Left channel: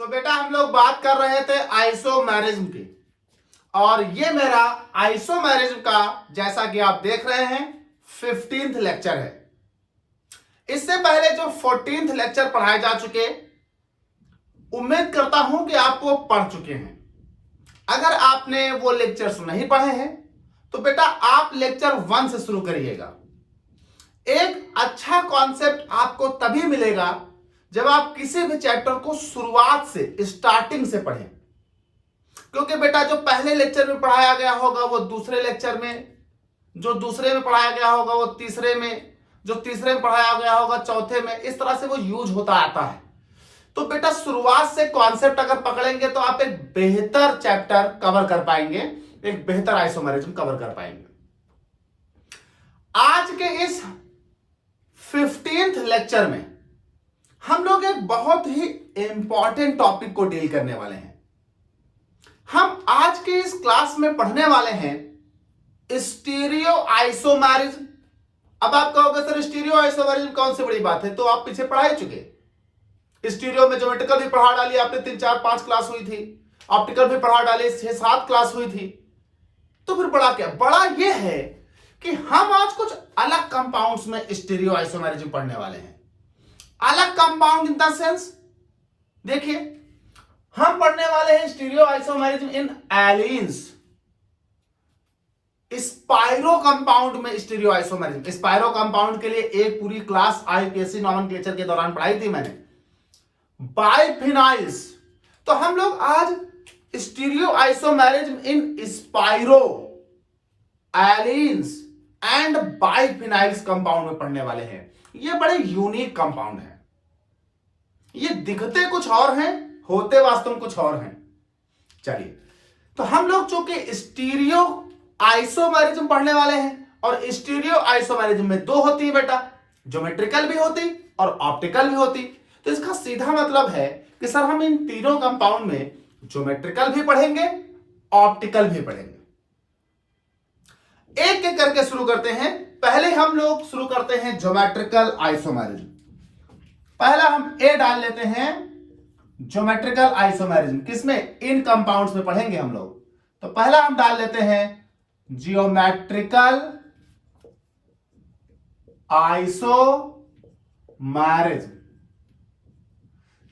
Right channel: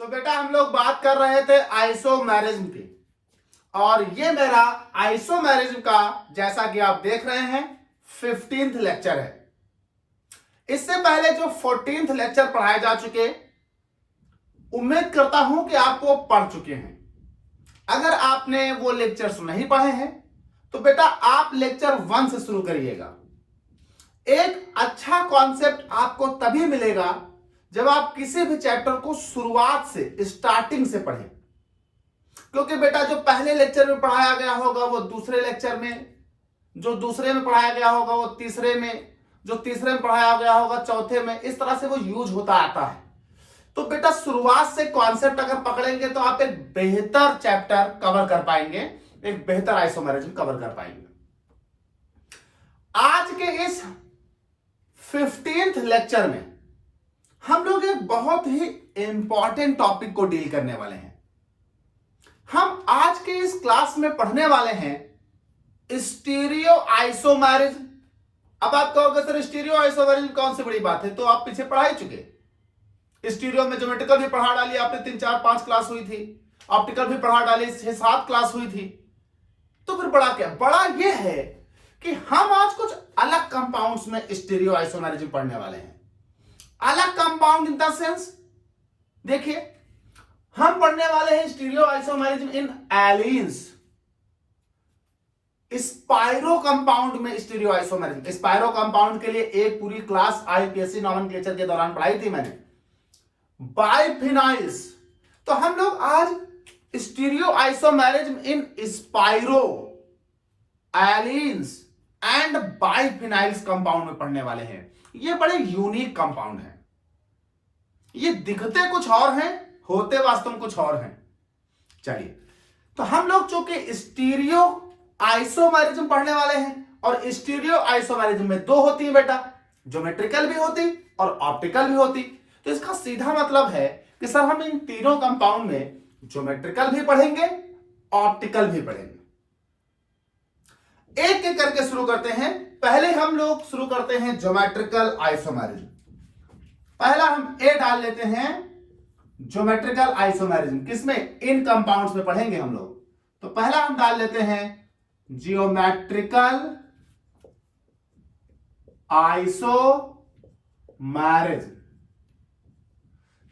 तो बेटा हम लोग बात कर रहे थे आइसोमेरिज्म की, और ये मेरा आइसोमेरिज्म का, जैसा कि आप देख रहे हैं, 15th लेक्चर है। इससे पहले जो 14th लेक्चर पढ़ाए जा चुके, उम्मीद करता हूं कि आप वो पढ़ चुके हैं। अगर आपने वो लेक्चर्स नहीं पढ़े हैं तो बेटा आप लेक्चर 1 से शुरू करिएगा। एक अच्छा कॉन्सेप्ट आपको तभी मिलेगा जब आप किसी भी चैप्टर को शुरुआत से, स्टार्टिंग से पढ़ें। क्योंकि बेटा जो पहले लेक्चर में पढ़ाया गया होगा वो दूसरे लेक्चर में, जो दूसरे में पढ़ाया गया होगा वो तीसरे में, जो तीसरे में पढ़ाया गया होगा चौथे में, इस तरह से वो यूज होता आता है। तो बेटा शुरुआत से कॉन्सेप्ट अगर पकड़ेंगे तो आप एक बेहतर चैप्टर कवर कर पाएंगे, एक बेहतर आइसोमेरिज्म कवर कर पाएंगे। आज के इस 15th लेक्चर में हम लोग एक बहुत ही इंपॉर्टेंट टॉपिक को डील करने वाले हैं। हम आज के इस क्लास में पढ़ने वाले हैं स्टीरियो आइसोमेरिज्म। अब आप कहोगे सर स्टीरियो आइसोमेरिज्म कौन सी बड़ी बात है, तो आप पीछे पढ़ा ही चुके। स्टीरियो में ज्योमेट्रिकल भी पढ़ा डाली आपने, 3 4 5 क्लास हुई थी। ऑप्टिकल भी पढ़ा डाली, 6 7 क्लास हुई थी। तो फिर बड़ा क्या, बड़ा ये है कि हम आज कुछ अलग कंपाउंड्स में स्टीरियो आइसोमेरिज्म पढ़ने वाले हैं। अलग कंपाउंड इन द सेंस, देखिए हम पढ़ने वाले हैं stereo isomerism in allenes. Spiro compound में स्टीरियो आइसोमेरिज्म, स्पाइरो कंपाउंड के लिए एक पूरी क्लास आईपीएससी नॉमेनक्लेचर के दौरान पढ़ाई थी मैंने। बाइफिनाइल्स, तो हम लोग आज stereo isomerism in spiro, allenes and biphenyls compound में पढ़ने वाले हैं। ये बड़े यूनिक कंपाउंड हैं। ये दिखते कुछ और हैं, होते वास्तव में कुछ और हैं। चलिए, तो हम लोग चूंकि स्टीरियो आइसोमेरिज्म पढ़ने वाले हैं, और स्टीरियो आइसोमेरिज्म में 2 होती है बेटा, ज्योमेट्रिकल भी होती और ऑप्टिकल भी होती। तो इसका सीधा मतलब है कि सर हम इन तीनों कंपाउंड में ज्योमेट्रिकल भी पढ़ेंगे, ऑप्टिकल भी पढ़ेंगे। एक एक करके शुरू करते हैं। पहले हम लोग शुरू करते हैं ज्योमेट्रिकल आइसोमेरिज्म। पहला हम ए डाल लेते हैं, ज्योमेट्रिकल आइसोमेरिज्म। किसमें? इन कंपाउंड्स में पढ़ेंगे हम लोग। तो पहला हम डाल लेते हैं जियोमेट्रिकल आइसोमेरिज्म।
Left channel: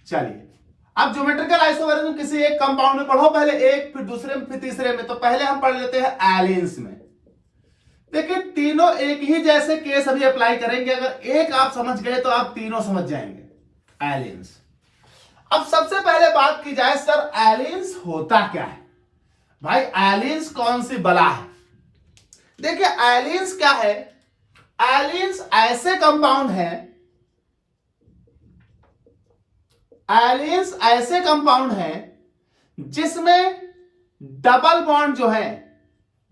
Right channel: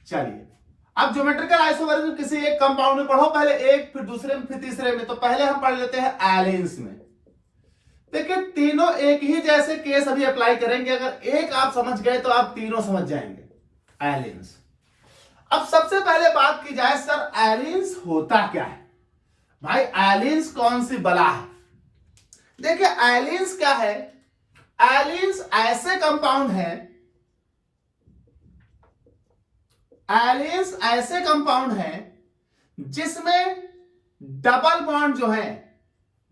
चलिए, अब ज्योमेट्रिकल आइसोमेरिज्म किसी एक कंपाउंड में पढ़ो, पहले एक, फिर दूसरे में, फिर तीसरे में। तो पहले हम पढ़ लेते हैं एलीन्स में। देखिए तीनों एक ही जैसे केस अभी अप्लाई करेंगे। अगर एक आप समझ गए तो आप तीनों समझ जाएंगे। एलीन्स। अब सबसे पहले बात की जाए, सर एलीन्स होता क्या है? भाई एलीन्स कौन सी बला है? देखिए एलीन्स क्या है? एलीन्स ऐसे कंपाउंड हैं, एलीन्स ऐसे कंपाउंड हैं जिसमें डबल बॉन्ड जो है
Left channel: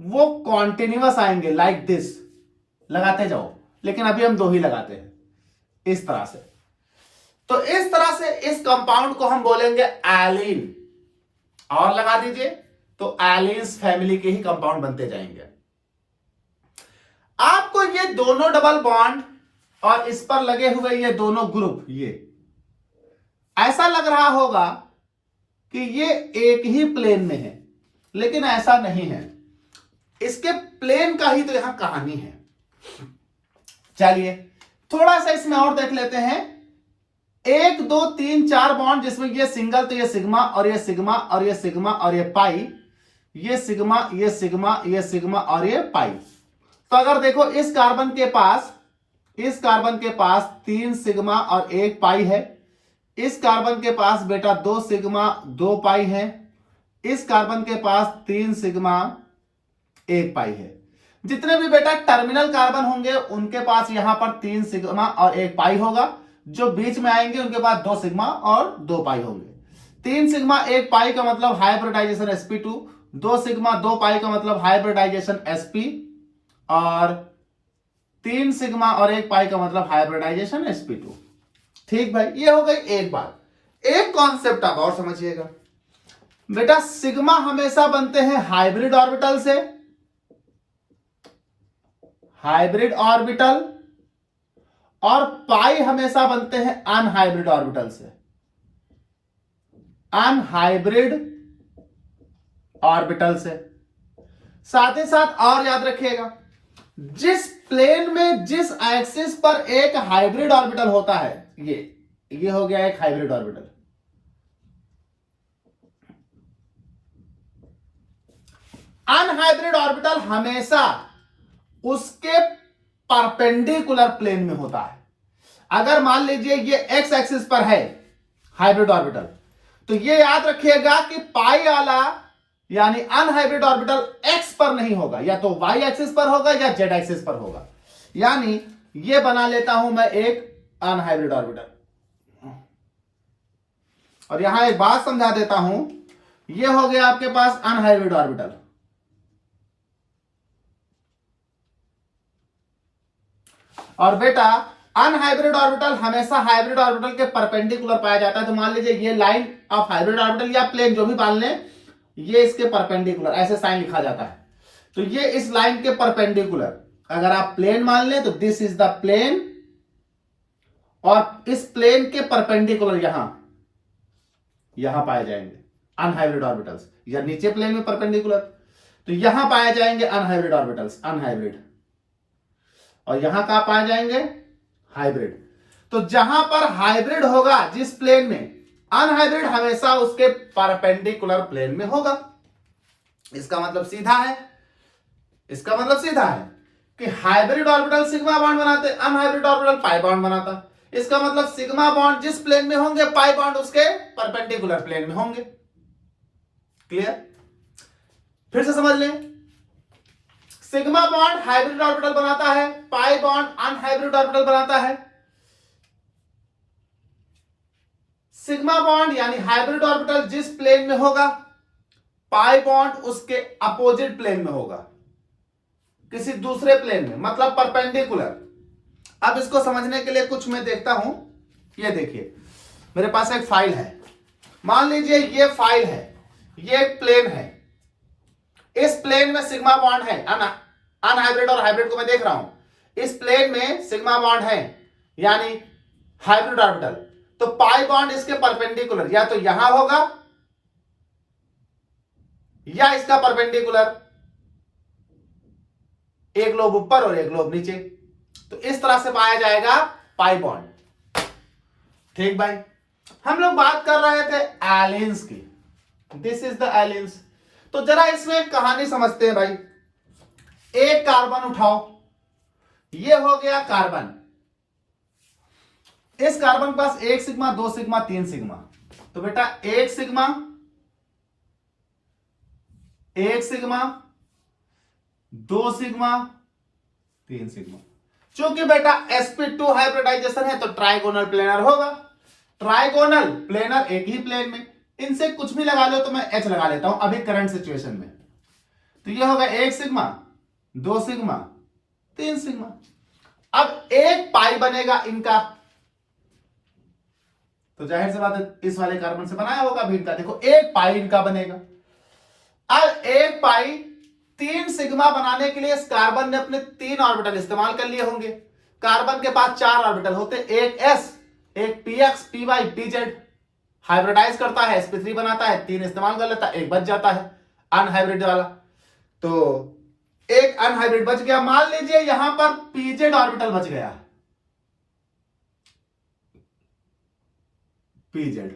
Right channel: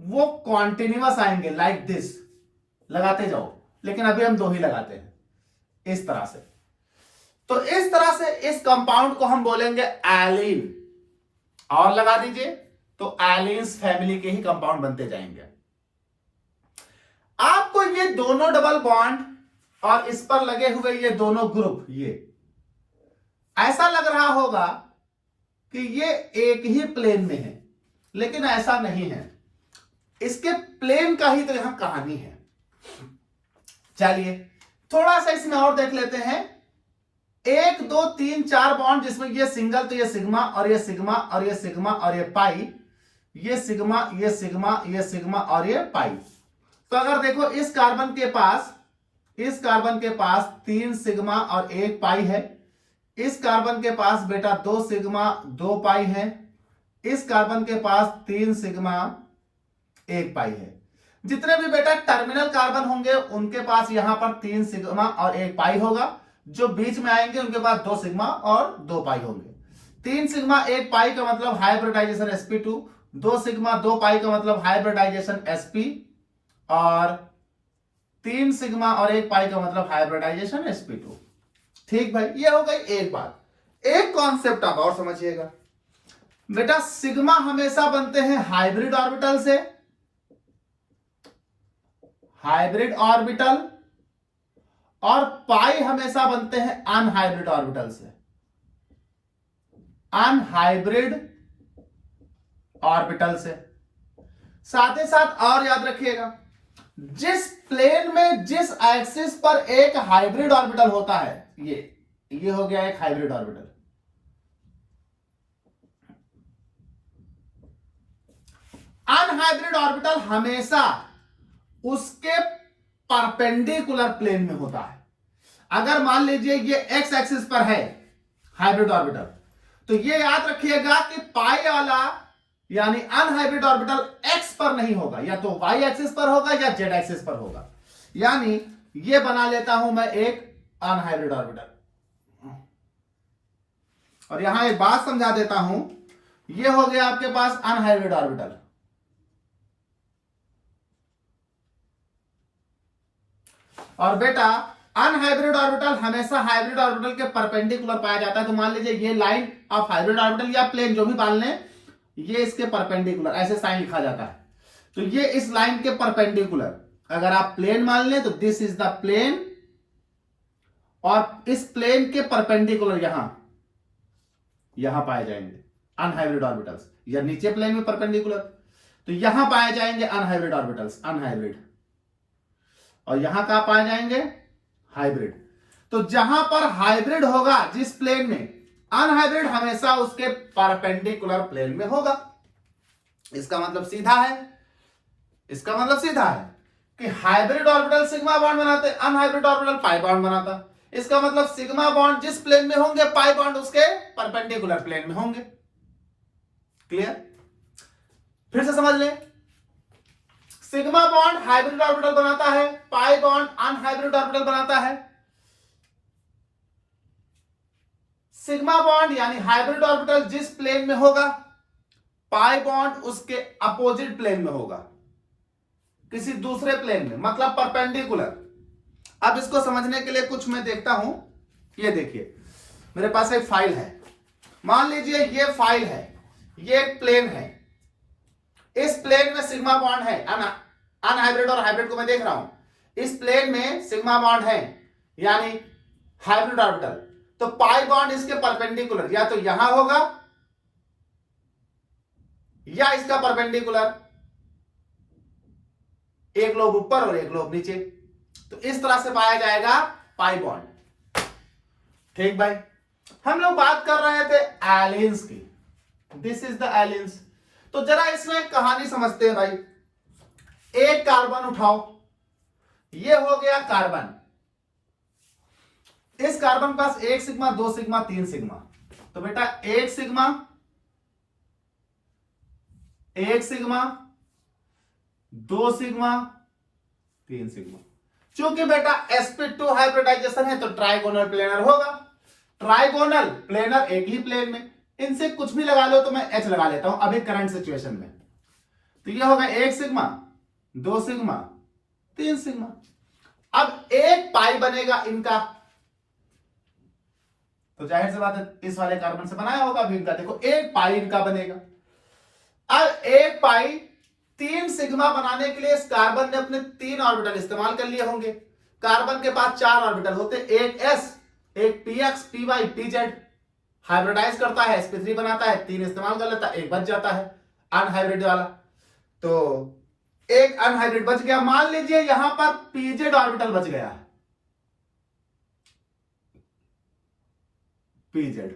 वो कॉन्टिन्यूअस आएंगे, लाइक दिस। लगाते जाओ, लेकिन अभी हम 2 ही लगाते हैं, इस तरह से। तो इस तरह से इस कंपाउंड को हम बोलेंगे एलीन। और लगा दीजिए, तो एलीन्स फैमिली के ही कंपाउंड बनते जाएंगे। आपको ये दोनों डबल बॉन्ड और इस पर लगे हुए ये दोनों ग्रुप, ये ऐसा लग रहा होगा कि ये एक ही प्लेन में है, लेकिन ऐसा नहीं है। इसके प्लेन का ही तो यहां कहानी है। चलिए थोड़ा सा इसमें और देख लेते हैं। 1 2 3 4 बॉन्ड, जिसमें ये सिंगल, तो ये सिग्मा और ये सिग्मा और ये सिग्मा और ये पाई, ये सिग्मा, ये सिग्मा, ये सिग्मा और ये पाई। तो अगर देखो इस कार्बन के पास 3 सिग्मा और 1 पाई है। इस कार्बन के पास बेटा 2 सिग्मा 2 पाई है। इस कार्बन के पास 3 सिग्मा 1 पाई है। जितने भी बेटा टर्मिनल कार्बन होंगे उनके पास यहां पर 3 सिग्मा और 1 पाई होगा। जो बीच में आएंगे उनके पास 2 सिग्मा और 2 पाई होंगे। 3 सिग्मा 1 पाई का मतलब हाइब्रिडाइजेशन sp2, 2 सिग्मा 2 पाई का मतलब हाइब्रिडाइजेशन sp, और 3 सिग्मा और 1 पाई का मतलब हाइब्रिडाइजेशन sp2। ठीक भाई, ये हो गई एक बात। एक कॉन्सेप्ट आप और समझिएगा बेटा, सिग्मा हमेशा बनते हैं हाइब्रिड ऑर्बिटल से, हाइब्रिड ऑर्बिटल, और पाई हमेशा बनते हैं अनहाइब्रिड ऑर्बिटल से। अनहाइब्रिड ऑर्बिटल से। साथ ही साथ और याद रखिएगा, जिस प्लेन में जिस एक्सिस पर एक हाइब्रिड ऑर्बिटल होता है, ये हो गया एक हाइब्रिड ऑर्बिटल। अनहाइब्रिड ऑर्बिटल हमेशा उसके परपेंडिकुलर प्लेन में होता है। अगर मान लीजिए ये एक्स एक्सिस पर है हाइब्रिड ऑर्बिटल, तो ये याद रखिएगा कि पाई वाला यानी अनहाइब्रिड ऑर्बिटल एक्स पर नहीं होगा, या तो वाई एक्सिस पर होगा या जेड एक्सिस पर होगा। यानी ये बना लेता हूं मैं एक अनहाइब्रिड ऑर्बिटल। और यहां एक बात समझा देता हूं, ये हो गया आपके पास अनहाइब्रिड ऑर्बिटल। और बेटा अनहाइब्रिड ऑर्बिटल हमेशा हाइब्रिड ऑर्बिटल के परपेंडिकुलर पाया जाता है। तो मान लीजिए ये लाइन ऑफ हाइब्रिड ऑर्बिटल या प्लेन जो भी मान लें, ये इसके परपेंडिकुलर ऐसे साइन लिखा जाता है। तो ये इस लाइन के परपेंडिकुलर अगर आप प्लेन मान लें तो दिस इज द प्लेन, और इस प्लेन के परपेंडिकुलर यहां पाए जाएंगे अनहाइब्रिड ऑर्बिटल्स, या नीचे प्लेन में परपेंडिकुलर, तो यहां पाए जाएंगे अनहाइब्रिड ऑर्बिटल्स, अनहाइब्रिड। और यहां कहां पाए जाएंगे हाइब्रिड। तो जहां पर हाइब्रिड होगा जिस प्लेन में, अनहाइब्रिड हमेशा उसके परपेंडिकुलर प्लेन में होगा। इसका मतलब सीधा है कि हाइब्रिड ऑर्बिटल सिग्मा बॉन्ड बनाते, अनहाइब्रिड ऑर्बिटल पाई बॉन्ड बनाता। इसका मतलब सिग्मा बॉन्ड जिस प्लेन में होंगे, पाई बॉन्ड उसके परपेंडिकुलर प्लेन में होंगे। क्लियर? फिर से समझ लें, सिग्मा बॉन्ड हाइब्रिड ऑर्बिटल बनाता है, पाई बॉन्ड अनहाइब्रिड ऑर्बिटल बनाता है। सिग्मा बॉन्ड यानी हाइब्रिड ऑर्बिटल जिस प्लेन में होगा, पाई बॉन्ड उसके अपोजिट प्लेन में होगा, किसी दूसरे प्लेन में, मतलब परपेंडिकुलर। अब इसको समझने के लिए कुछ मैं देखता हूं। ये देखिए, मेरे पास एक फाइल है, मान लीजिए ये फाइल है, ये एक प्लेन है, इस प्लेन में सिग्मा बॉन्ड है, अनहाइब्रिड और हाइब्रिड को मैं देख रहा हूं, इस प्लेन में सिग्मा बॉन्ड है यानी हाइब्रिड ऑर्बिटल। तो पाई बॉन्ड इसके परपेंडिकुलर या तो यहां होगा या इसका परपेंडिकुलर, एक लोब ऊपर और एक लोब नीचे। तो इस तरह से पाया जाएगा पाई बॉन्ड। ठीक भाई, हम लोग बात कर रहे थे एलिन्स की। This is the allenes. तो जरा इसमें एक कहानी समझते हैं भाई। एक कार्बन उठाओ, ये हो गया कार्बन। इस कार्बन के पास 1 सिग्मा, 2 सिग्मा, 3 सिग्मा। तो बेटा 1 सिग्मा, 1 सिग्मा, 2 सिग्मा, 3 सिग्मा। चूंकि बेटा sp2 हाइब्रिडाइजेशन है तो ट्राइगोनल प्लेनर होगा। ट्राइगोनल प्लेनर एक ही प्लेन में, इनसे कुछ भी लगा लो, तो मैं H लगा लेता हूं अभी करंट सिचुएशन में। तो ये होगा 1 सिग्मा, 2 सिग्मा, 3 सिग्मा। अब एक पाई बनेगा इनका, तो जाहिर सी बात है इस वाले कार्बन से बनाया होगा भी इनका। देखो एक पाई इनका बनेगा। अब एक पाई 3 सिग्मा बनाने के लिए इस कार्बन ने अपने 3 ऑर्बिटल इस्तेमाल कर लिए होंगे। कार्बन के पास 4 ऑर्बिटल होते, एक s, एक px, py, pz। हाइब्रिडाइज करता है, sp3 बनाता है, 3 इस्तेमाल कर लेता है, एक बच जाता है अनहाइब्रिड वाला। तो एक अनहाइब्रिड बच गया। मान लीजिए यहां पर pz ऑर्बिटल बच गया, pz।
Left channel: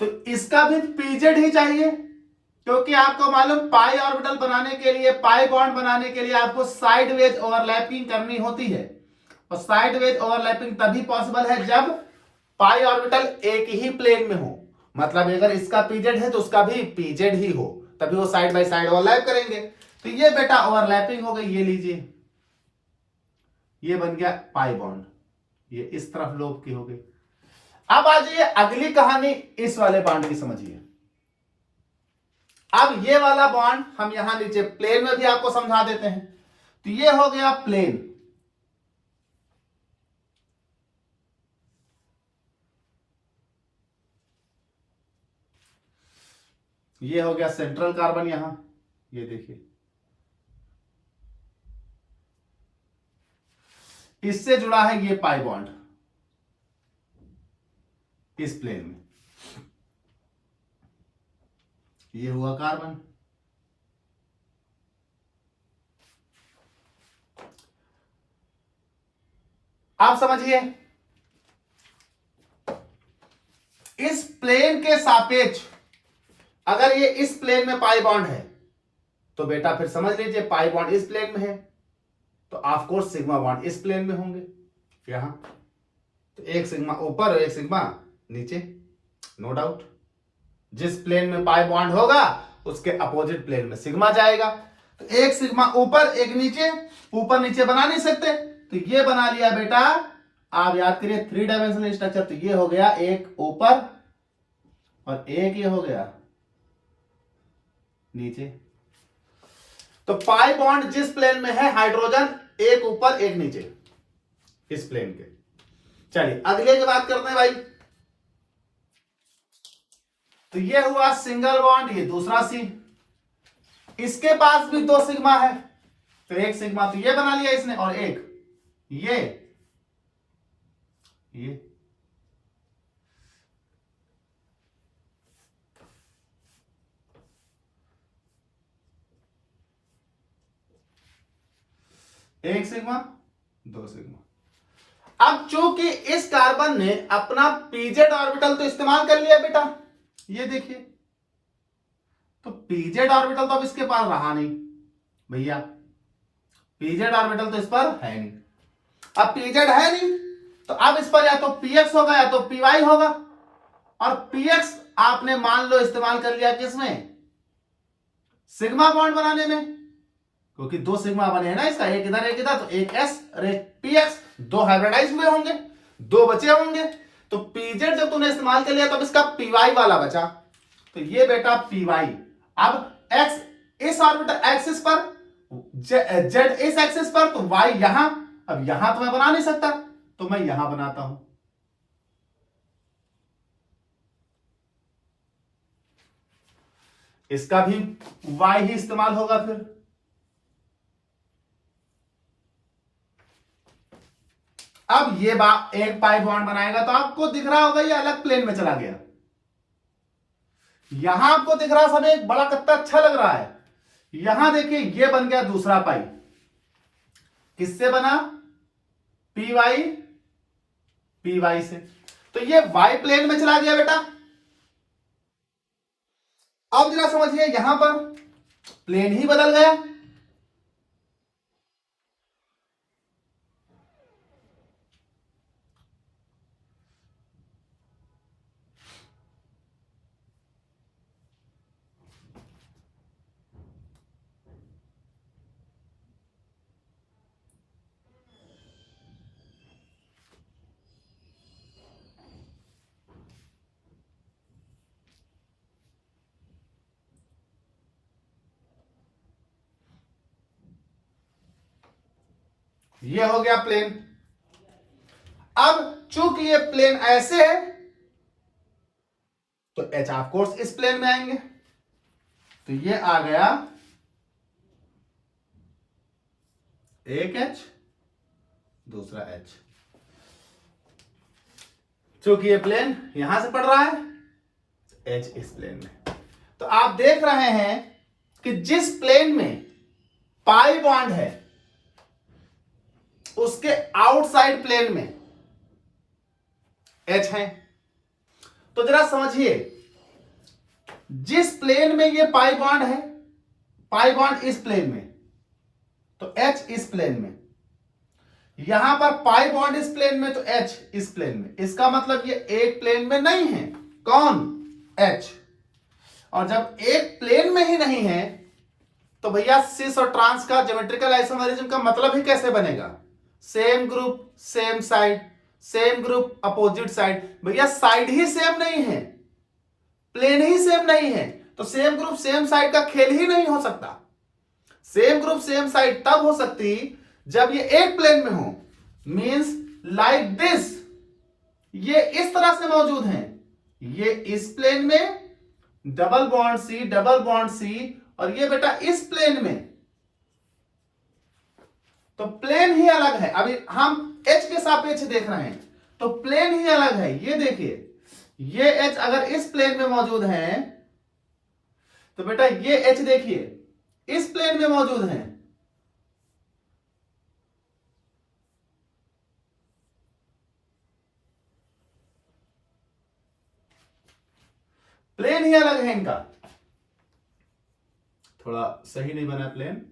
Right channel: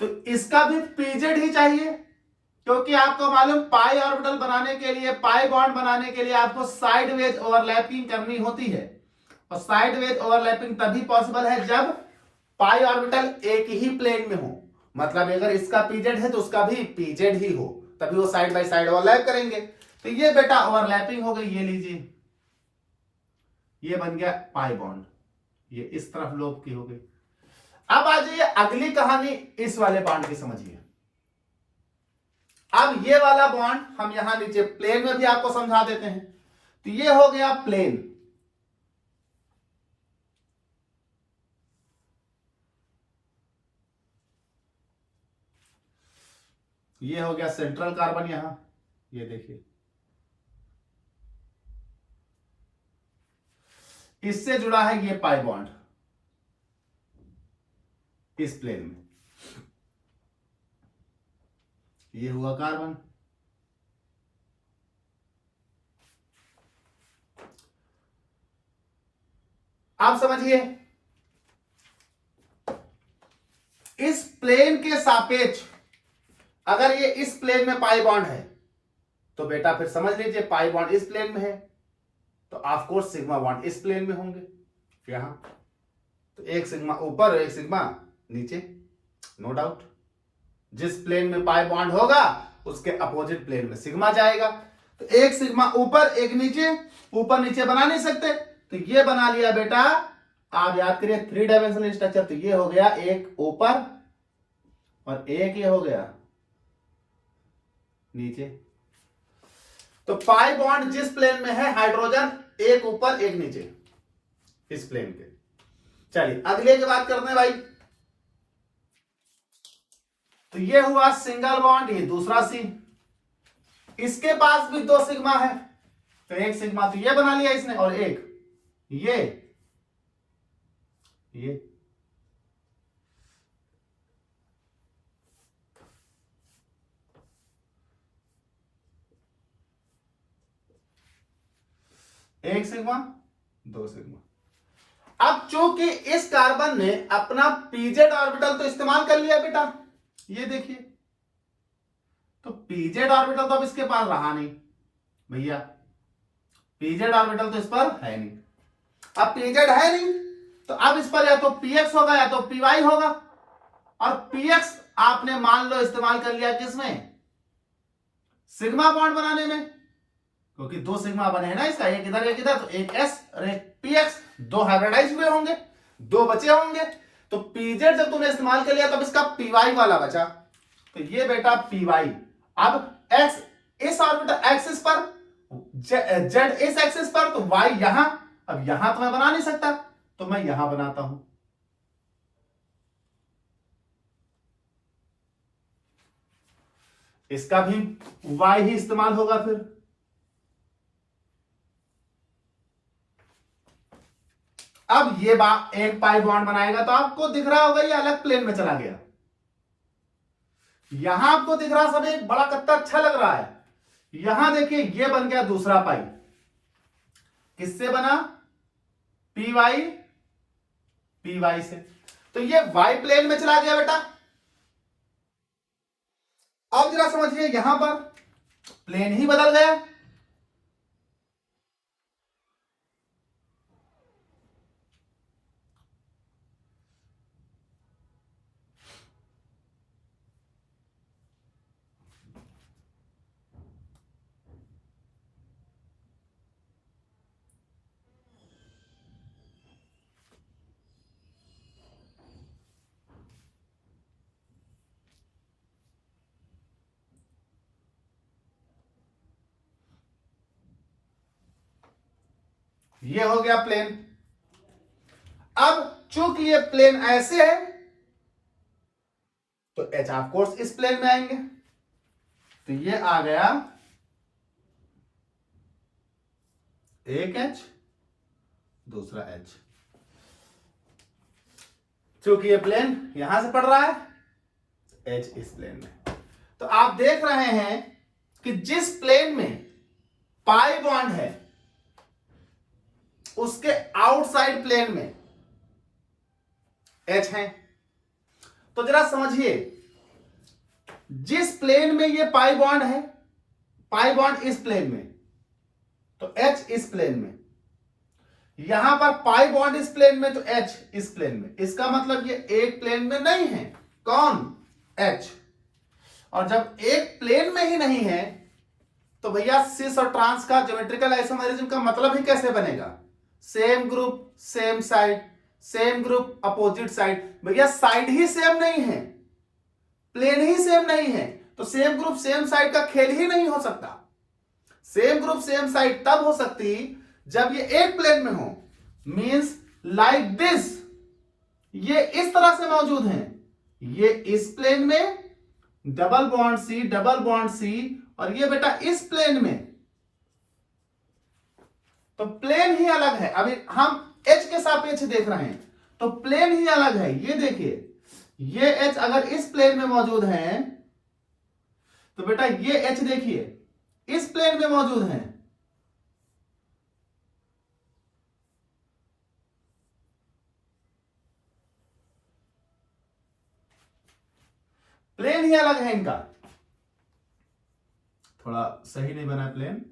तो इसका भी pz ही चाहिए, क्योंकि आपको मालूम पाई ऑर्बिटल बनाने के लिए, पाई बॉन्ड बनाने के लिए आपको साइड वेज ओवरलैपिंग करनी होती है। और साइड वेज ओवरलैपिंग तभी पॉसिबल है जब पाई ऑर्बिटल एक ही प्लेन में हो। मतलब अगर इसका pz है तो उसका भी pz ही हो, तभी वो साइड बाय साइड ओवरलैप करेंगे। तो ये बेटा ओवरलैपिंग हो गई। ये लीजिए, ये बन गया पाई बॉन्ड, ये इस तरफ लोब की हो गई। अब आ जाइए अगली कहानी, इस वाले बॉन्ड की समझिए। अब ये वाला बॉन्ड हम यहां नीचे प्लेन में भी आपको समझा देते हैं। तो ये हो गया प्लेन, ये हो गया सेंट्रल कार्बन यहां, ये देखिए। इससे जुड़ा है ये पाई बॉन्ड इस प्लेन में, ये हुआ कार्बन। आप समझिए, इस प्लेन के सापेक्ष अगर ये इस प्लेन में पाई बॉन्ड है तो बेटा फिर समझ लीजिए पाई बॉन्ड इस प्लेन में है तो ऑफ कोर्स सिग्मा बॉन्ड इस प्लेन में होंगे यहां, तो एक सिग्मा ऊपर एक सिग्मा नीचे, नो डाउट। जिस प्लेन में पाई बॉन्ड होगा उसके अपोजिट प्लेन में सिग्मा जाएगा, तो एक सिग्मा ऊपर एक नीचे, ऊपर नीचे बना नहीं सकते तो ये बना लिया बेटा। आप याद करिए 3 डायमेंशनल स्ट्रक्चर, तो ये हो गया एक ऊपर और एक ये हो गया नीचे। तो पाई बॉन्ड जिस प्लेन में है हाइड्रोजन एक ऊपर एक नीचे इस प्लेन के। चलिए अगले की बात करते हैं भाई। तो ये हुआ सिंगल बॉन्ड, ये दूसरा सी, इसके पास भी 2 सिग्मा है तो एक सिग्मा तो ये बना लिया इसने और एक ये एक सिग्मा 2 सिग्मा। अब चूंकि इस कार्बन ने अपना पीजेड ऑर्बिटल तो इस्तेमाल कर लिया बेटा, ये देखिए, तो पीजेड ऑर्बिटल तो अब इसके पास रहा नहीं भैया, पीजेड ऑर्बिटल तो इस पर है नहीं। अब पीजेड है नहीं तो अब इस पर या तो पीएक्स होगा या तो पीवाई होगा, और पीएक्स आपने मान लो इस्तेमाल कर लिया किसमें, सिग्मा बॉन्ड बनाने में, क्योंकि 2 सिग्मा बने हैं ना इसका, एक इधर तो एक एस और एक पीएक्स, 2 हाइब्रिडाइज हुए होंगे, 2 बचे होंगे। तो पीजेड जब तूने इस्तेमाल कर लिया तब इसका पीवाई वाला बचा, तो ये बेटा पीवाई। अब एक्स इस ऑर्बिटल एक्सिस पर, जेड इस एक्सिस पर, तो वाई यहां। अब यहां तो मैं बना नहीं सकता तो मैं यहां बनाता हूं, इसका भी वाई ही इस्तेमाल होगा फिर। अब ये एक पाई बॉन्ड बनाएगा तो आपको दिख रहा होगा ये अलग प्लेन में चला गया, यहां आपको दिख रहा सब एक बड़ा कत्ता अच्छा लग रहा है, यहां देखिए ये बन गया दूसरा पाई, किससे बना, पीवाई, पीवाई से, तो ये वाई प्लेन में चला गया बेटा। अब जरा समझिए यहां पर प्लेन ही बदल गया, ये हो गया प्लेन। अब चूंकि ये प्लेन ऐसे है तो एच ऑफ कोर्स इस प्लेन में आएंगे, तो ये आ गया एक एच दूसरा एच, चूंकि ये प्लेन यहां से पड़ रहा है एच इस प्लेन में। तो आप देख रहे हैं कि जिस प्लेन में पाई बॉन्ड है उसके आउटसाइड प्लेन में एच है। तो जरा समझिए, जिस प्लेन में ये पाई बॉन्ड है, पाई बॉन्ड इस प्लेन में, तो एच इस प्लेन में, यहां पर पाई बॉन्ड इस प्लेन में तो एच इस प्लेन में, इसका मतलब ये एक प्लेन में नहीं है, कौन, एच। और जब एक प्लेन में ही नहीं है तो भैया सिस और ट्रांस का ज्योमेट्रिकल आइसोमेरिज्म का मतलब ही कैसे बनेगा, same group same side, same group opposite side. भैया साइड ही सेम नहीं है, प्लेन ही सेम नहीं है, तो सेम ग्रुप सेम साइड का खेल ही नहीं हो सकता। सेम ग्रुप सेम साइड तब हो सकती जब ये एक प्लेन में हो, मींस लाइक दिस, ये इस तरह से मौजूद हैं, ये इस प्लेन में डबल बॉन्ड सी, और ये बेटा इस प्लेन में, तो प्लेन ही अलग है। अभी हम सापेक्ष देख रहे हैं तो प्लेन ही अलग है। ये देखिए, ये एच अगर इस प्लेन में मौजूद है तो बेटा ये एच देखिए इस प्लेन में मौजूद है। प्लेन ही अलग है इनका, थोड़ा सही नहीं बना प्लेन।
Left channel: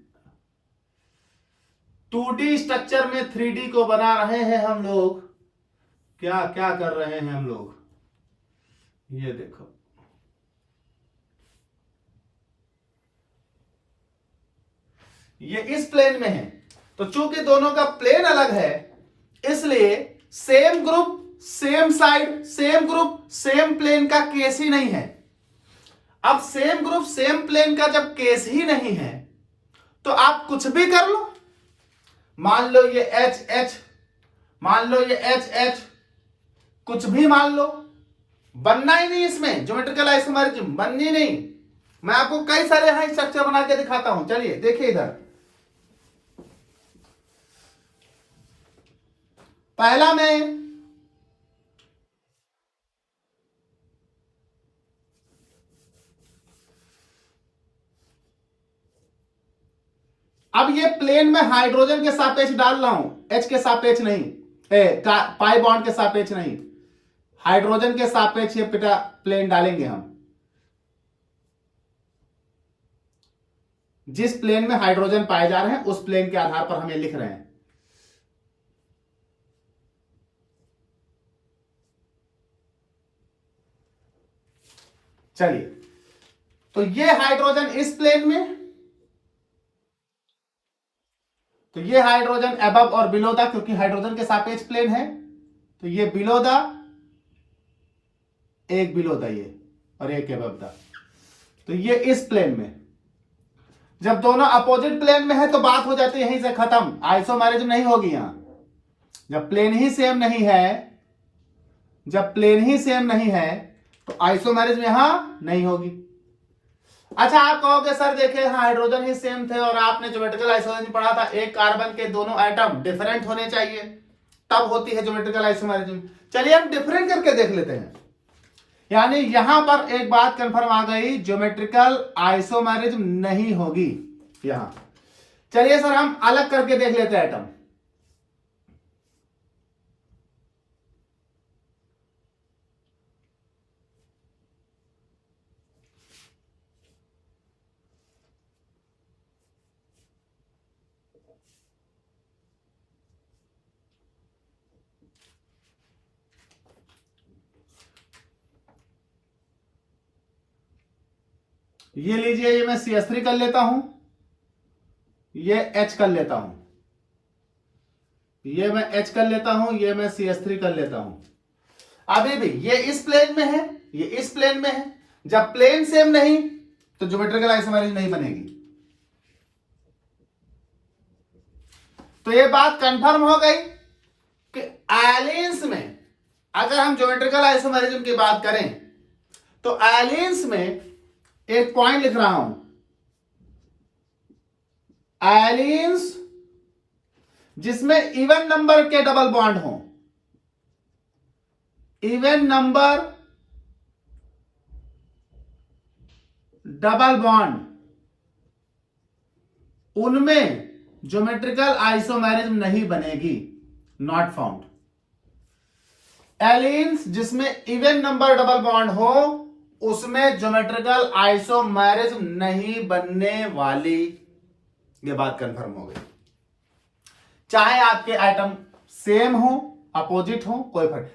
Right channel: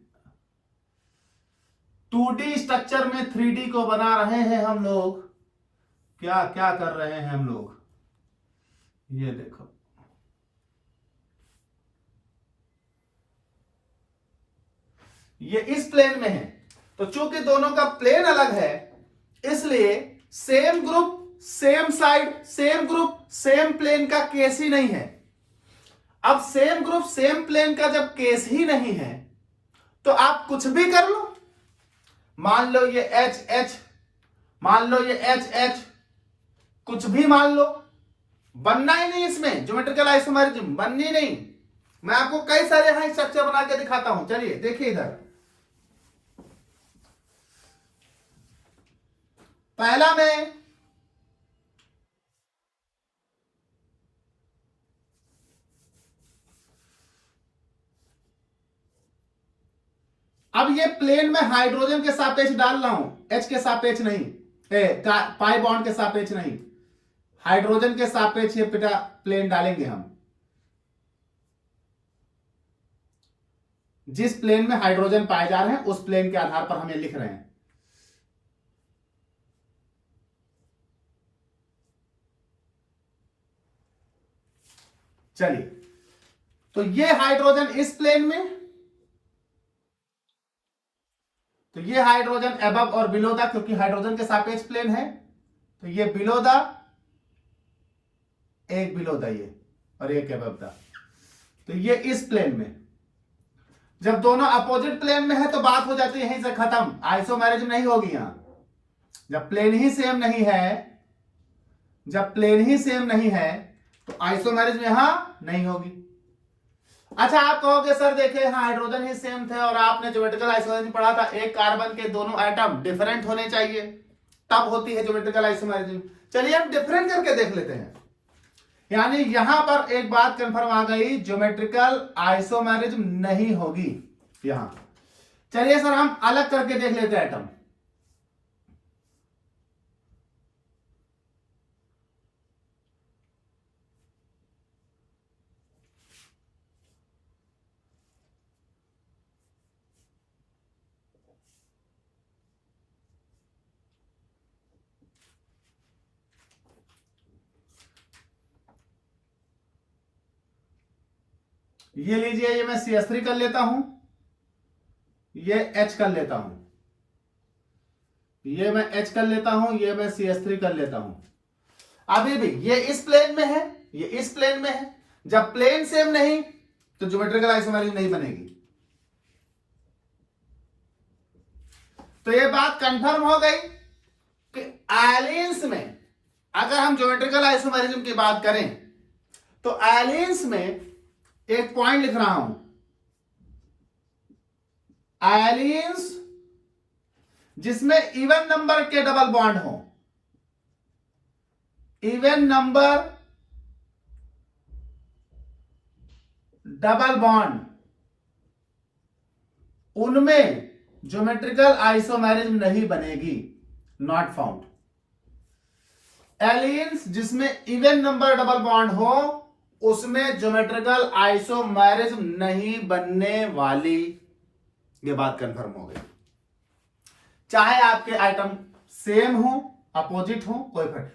2D स्ट्रक्चर में 3D को बना रहे हैं हम लोग। क्या क्या कर रहे हैं हम लोग, ये देखो। ये इस प्लेन में है, तो चूंकि दोनों का प्लेन अलग है इसलिए same group same side same group same plane का केस ही नहीं है। अब सेम ग्रुप सेम प्लेन का जब केस ही नहीं है तो आप कुछ भी कर लो। मान लो ये एच एच, मान लो ये एच एच, कुछ भी मान लो, बनना ही नहीं इसमें ज्योमेट्रिकल आइसोमेरिज्म, बननी नहीं। मैं आपको कई सारे यहां स्ट्रक्चर बना के दिखाता हूं। चलिए देखिए इधर, पहला में अब ये प्लेन में हाइड्रोजन के सापेक्ष डाल रहा हूं, एच के सापेक्ष नहीं, पाई बॉन्ड के सापेक्ष नहीं, हाइड्रोजन के सापेक्ष ये पिटा प्लेन डालेंगे हम। जिस प्लेन में हाइड्रोजन पाए जा रहे हैं उस प्लेन के आधार पर हम ये लिख रहे हैं। चलिए, तो ये हाइड्रोजन इस प्लेन में, तो ये हाइड्रोजन अबव और बिलो द, क्योंकि हाइड्रोजन के सापेक्ष प्लेन है तो ये बिलो द, एक बिलो द ये और एक अबव द, तो ये इस प्लेन में। जब दोनों अपोजिट प्लेन में है तो बात हो जाती है यहीं से खत्म, आइसोमेरिज्म नहीं होगी यहां। जब प्लेन ही सेम नहीं है, जब प्लेन ही सेम नहीं है तो आइसोमेरिज्म यहां नहीं होगी। अच्छा, आप कहोगे सर देखिए यहां हाइड्रोजन ही सेम थे और आपने ज्योमेट्रिकल आइसोमेरिज्म पढ़ा था, एक कार्बन के दोनों एटम डिफरेंट होने चाहिए तब होती है ज्योमेट्रिकल आइसोमेरिज्म। चलिए हम डिफरेंट करके देख लेते हैं। यानी यहां पर एक बात कंफर्म आ गई, ज्योमेट्रिकल आइसोमेरिज्म नहीं होगी यहां। चलिए सर हम अलग करके देख लेते हैं एटम। ये लीजिए, ये मैं CH3 कर लेता हूं, ये H कर लेता हूं, ये मैं H कर लेता हूं, ये मैं CH3 कर लेता हूं। अभी भी ये इस प्लेन में है, ये इस प्लेन में है। जब प्लेन सेम नहीं तो ज्योमेट्रिकल आइसोमेरिज्म नहीं बनेगी। तो ये बात कंफर्म हो गई कि एलियंस में अगर हम ज्योमेट्रिकल आइसोमेरिज्म की बात करें तो एलियंस में एक पॉइंट लिख रहा हूं, एलियंस जिसमें इवन नंबर के डबल बॉन्ड हो, इवन नंबर डबल बॉन्ड, उनमें ज्योमेट्रिकल आइसोमेरिज्म नहीं बनेगी, नॉट फाउंड। एलियंस जिसमें इवन नंबर डबल बॉन्ड हो उसमें ज्योमेट्रिकल आइसोमेरिज्म नहीं बनने वाली। ये बात कंफर्म हो गई। चाहे आपके आइटम सेम हो अपोजिट हो, कोई फर्क।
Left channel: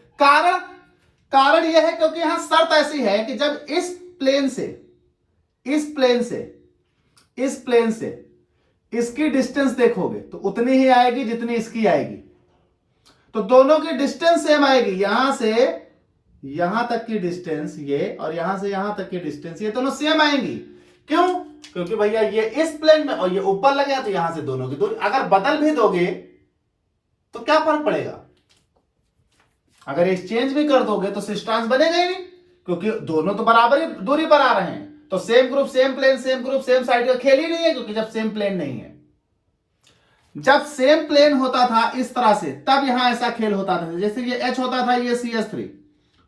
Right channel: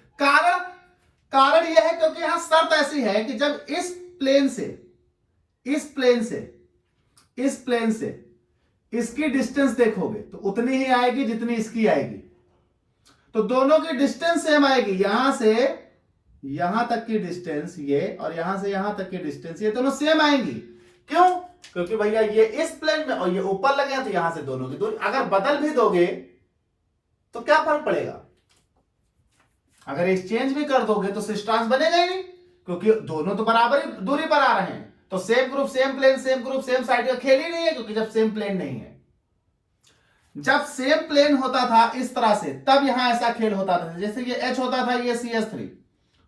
कारण यह है क्योंकि यहां शर्त ऐसी है कि जब इस प्लेन से इस प्लेन से इस प्लेन से इसकी डिस्टेंस देखोगे तो उतनी ही आएगी जितनी इसकी आएगी। तो दोनों की डिस्टेंस सेम आएगी, यहां से यहां तक की डिस्टेंस ये और यहां से यहां तक की डिस्टेंस ये दोनों सेम आएंगी। क्यों? क्योंकि भैया ये इस प्लेन में और ये ऊपर लगे तो यहां से दोनों की दूरी अगर बदल भी दोगे तो क्या फर्क पड़ेगा? अगर एक्सचेंज भी कर दोगे तो डिस्टेंस बनेगा ही नहीं, क्योंकि दोनों तो बराबर ही दूरी पर आ रहे हैं। तो same group same plane, same group same side का खेल ही नहीं है, क्योंकि जब सेम प्लेन नहीं है। जब सेम प्लेन होता था इस तरह से, तब यहां ऐसा खेल होता था। जैसे ये H होता था, ये CS3,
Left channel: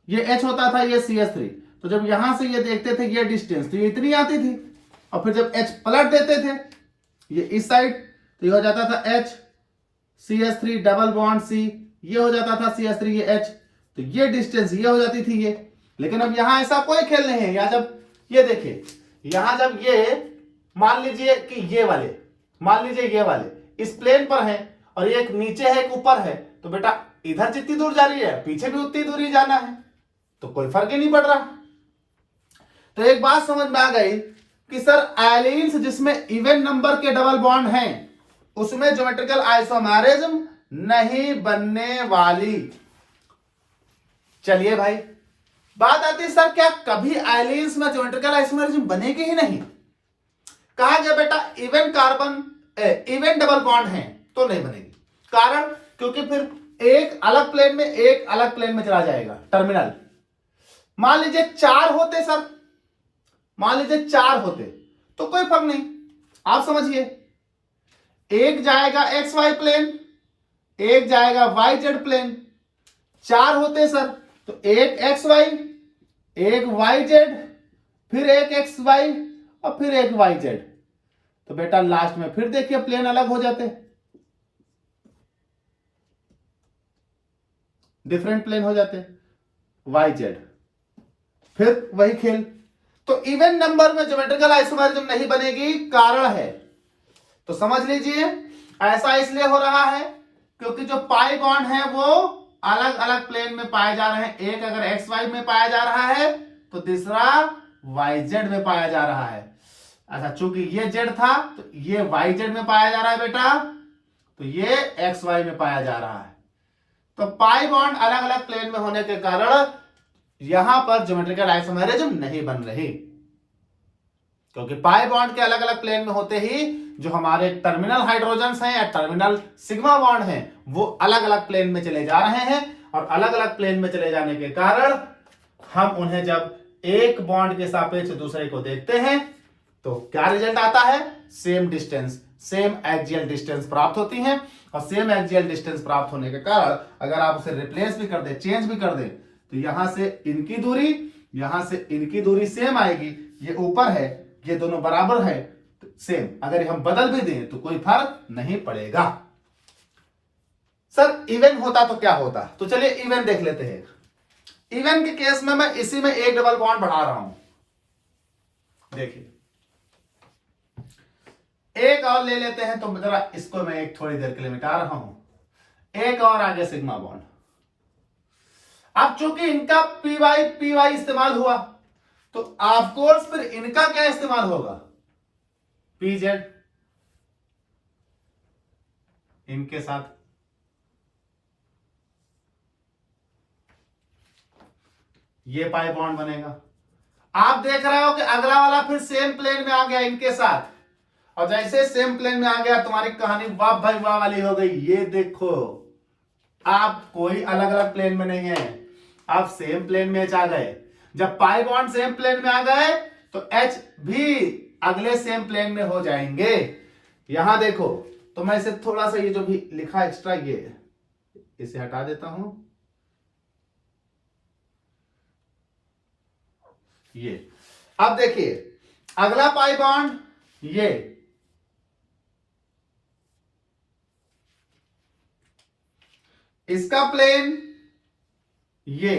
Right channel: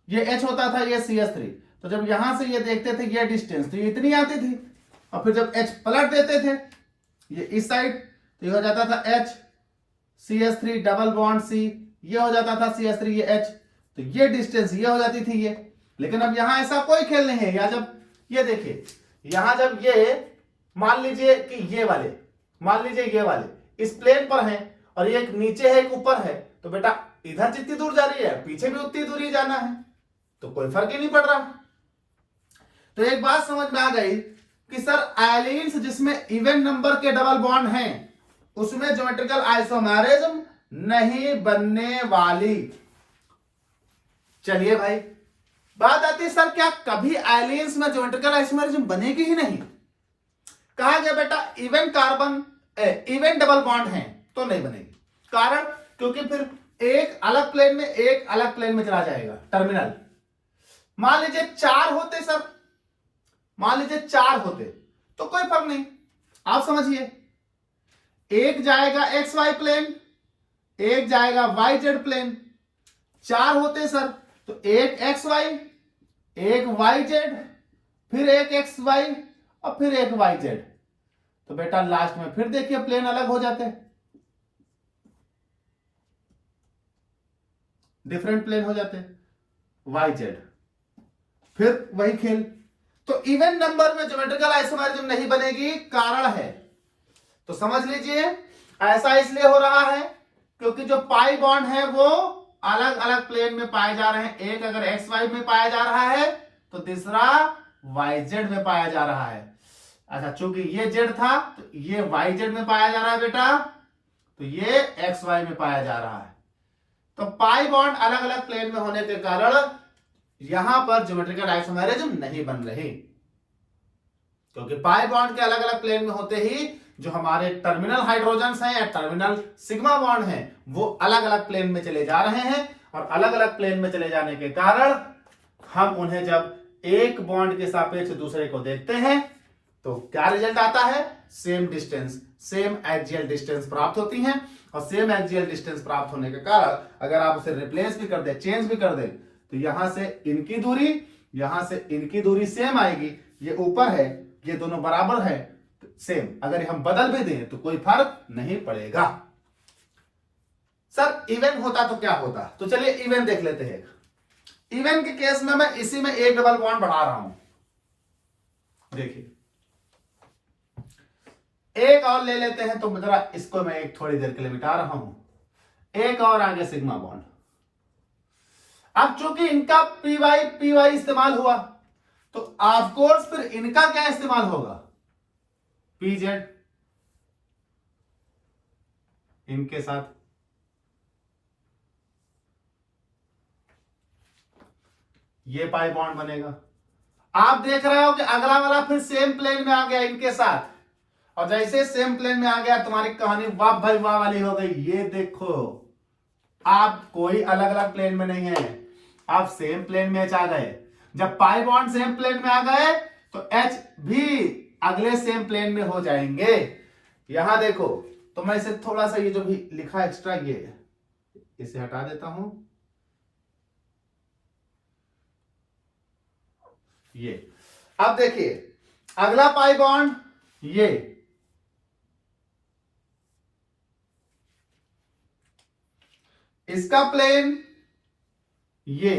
ये H होता था, ये CS3। तो जब यहां से ये देखते थे ये डिस्टेंस, तो ये इतनी आती थी, और फिर जब H पलट देते थे ये इस साइड, तो ये हो जाता था H CS3 double bond C, ये हो जाता था CS3 ये H, तो ये डिस्टेंस ये हो जाती थी ये। लेकिन अब यहां ऐसा कोई खेल नहीं है। या जब ये देखिए, यहां जब ये मान लीजिए कि ये वाले, मान लीजिए ये वाले इस प्लेन पर हैं और एक नीचे है एक ऊपर है, तो बेटा इधर जितनी दूर जा रही है पीछे भी उतनी दूर ही जाना है, तो कोई फर्क ही नहीं पड़ रहा। तो एक बात समझ में आ गई कि सर एलिन्स जिसमें इवन नंबर के डबल बॉन्ड हैं उसमें ज्योमेट्रिकल आइसोमेरिज्म नहीं बनने वाली। चलिए भाई, बात आती है सर क्या कभी एलिन्स में ज्योमेट्रिकल आइसोमेरिज्म बनेगी ही नहीं? कहा गया बेटा even carbon even double bond हैं तो नहीं बनेगी। कारण क्योंकि फिर एक अलग प्लेन में एक अलग प्लेन में चला जाएगा टर्मिनल। मान लीजिए 4 होते सर, मान लीजिए 4 होते तो कोई फर्क नहीं, आप समझिए, एक जाएगा XY प्लेन, एक जाएगा YZ प्लेन। 4 होते सर तो एक XY, एक YZ, फिर एक XY और फिर एक YZ, तो बेटा लास्ट में फिर देखिए प्लेन अलग हो जाते, डिफरेंट प्लेन हो जाते YZ, फिर वही खेल। तो इवन नंबर में ज्योमेट्रिकल आइसोमेरिज्म नहीं बनेगी, कारण है तो समझ लीजिए ऐसा इसलिए हो रहा है क्योंकि जो पाई बॉन्ड है वो अलग अलग प्लेन में पाए जा रहे हैं। एक अगर XY में पाया जा रहा है तो दूसरा YZ में पाया जा रहा है। अच्छा, चूंकि ये Z था तो ये YZ में पाया जा रहा है बेटा, तो ये XY में पाया जा रहा है। तो पाई बॉन्ड अलग अलग प्लेन में होने के कारण यहां पर ज्योमेट्रिकल आइसोमेरिज्म नहीं बन रही, क्योंकि पाई बॉन्ड के अलग अलग प्लेन में होते ही जो हमारे टर्मिनल हाइड्रोजन्स हैं या टर्मिनल सिग्मा बॉन्ड हैं वो अलग अलग प्लेन में चले जा रहे हैं, और अलग अलग प्लेन में चले जाने के कारण हम उन्हें जब एक बॉन्ड के सापेक्ष दूसरे को देखते हैं तो क्या रिजल्ट आता है? Same distance, same axial distance प्राप्त होती है। और सेम एक्सियल डिस्टेंस प्राप्त होने के कारण अगर आप उसे रिप्लेस भी कर दे, चेंज भी कर दे, तो यहां से इनकी दूरी, यहां से इनकी दूरी सेम आएगी। ये ऊपर है, ये दोनों बराबर है, तो सेम। अगर हम बदल भी दें तो कोई फर्क नहीं पड़ेगा। सर इवन होता तो क्या होता? तो चलिए इवन देख लेते हैं। इवन के केस में मैं इसी में एक डबल बॉन्ड बढ़ा रहा हूं, देखिए एक और ले लेते हैं, तो जरा इसको मैं एक थोड़ी देर के लिए मिटा रहा हूं। एक और आगे सिग्मा बॉन्ड। अब चूंकि इनका पी वाई इस्तेमाल हुआ तो ऑफकोर्स फिर इनका क्या इस्तेमाल होगा? PZ इनके साथ। ये पाई बॉन्ड बनेगा। आप देख रहे हो कि अगला वाला फिर सेम प्लेन में आ गया इनके साथ, और जैसे सेम प्लेन में आ गया तुम्हारी कहानी वाह भाई वाह वाली हो गई। ये देखो आप कोई अलग अलग प्लेन में नहीं है, आप सेम प्लेन में H आ गए। जब पाई बॉन्ड सेम प्लेन में आ गए तो H भी अगले सेम प्लेन में हो जाएंगे। यहां देखो, तो मैं इसे थोड़ा सा ये जो भी लिखा एक्स्ट्रा ये इसे हटा देता हूं। ये अब देखिए अगला पाई बॉन्ड ये, इसका प्लेन ये,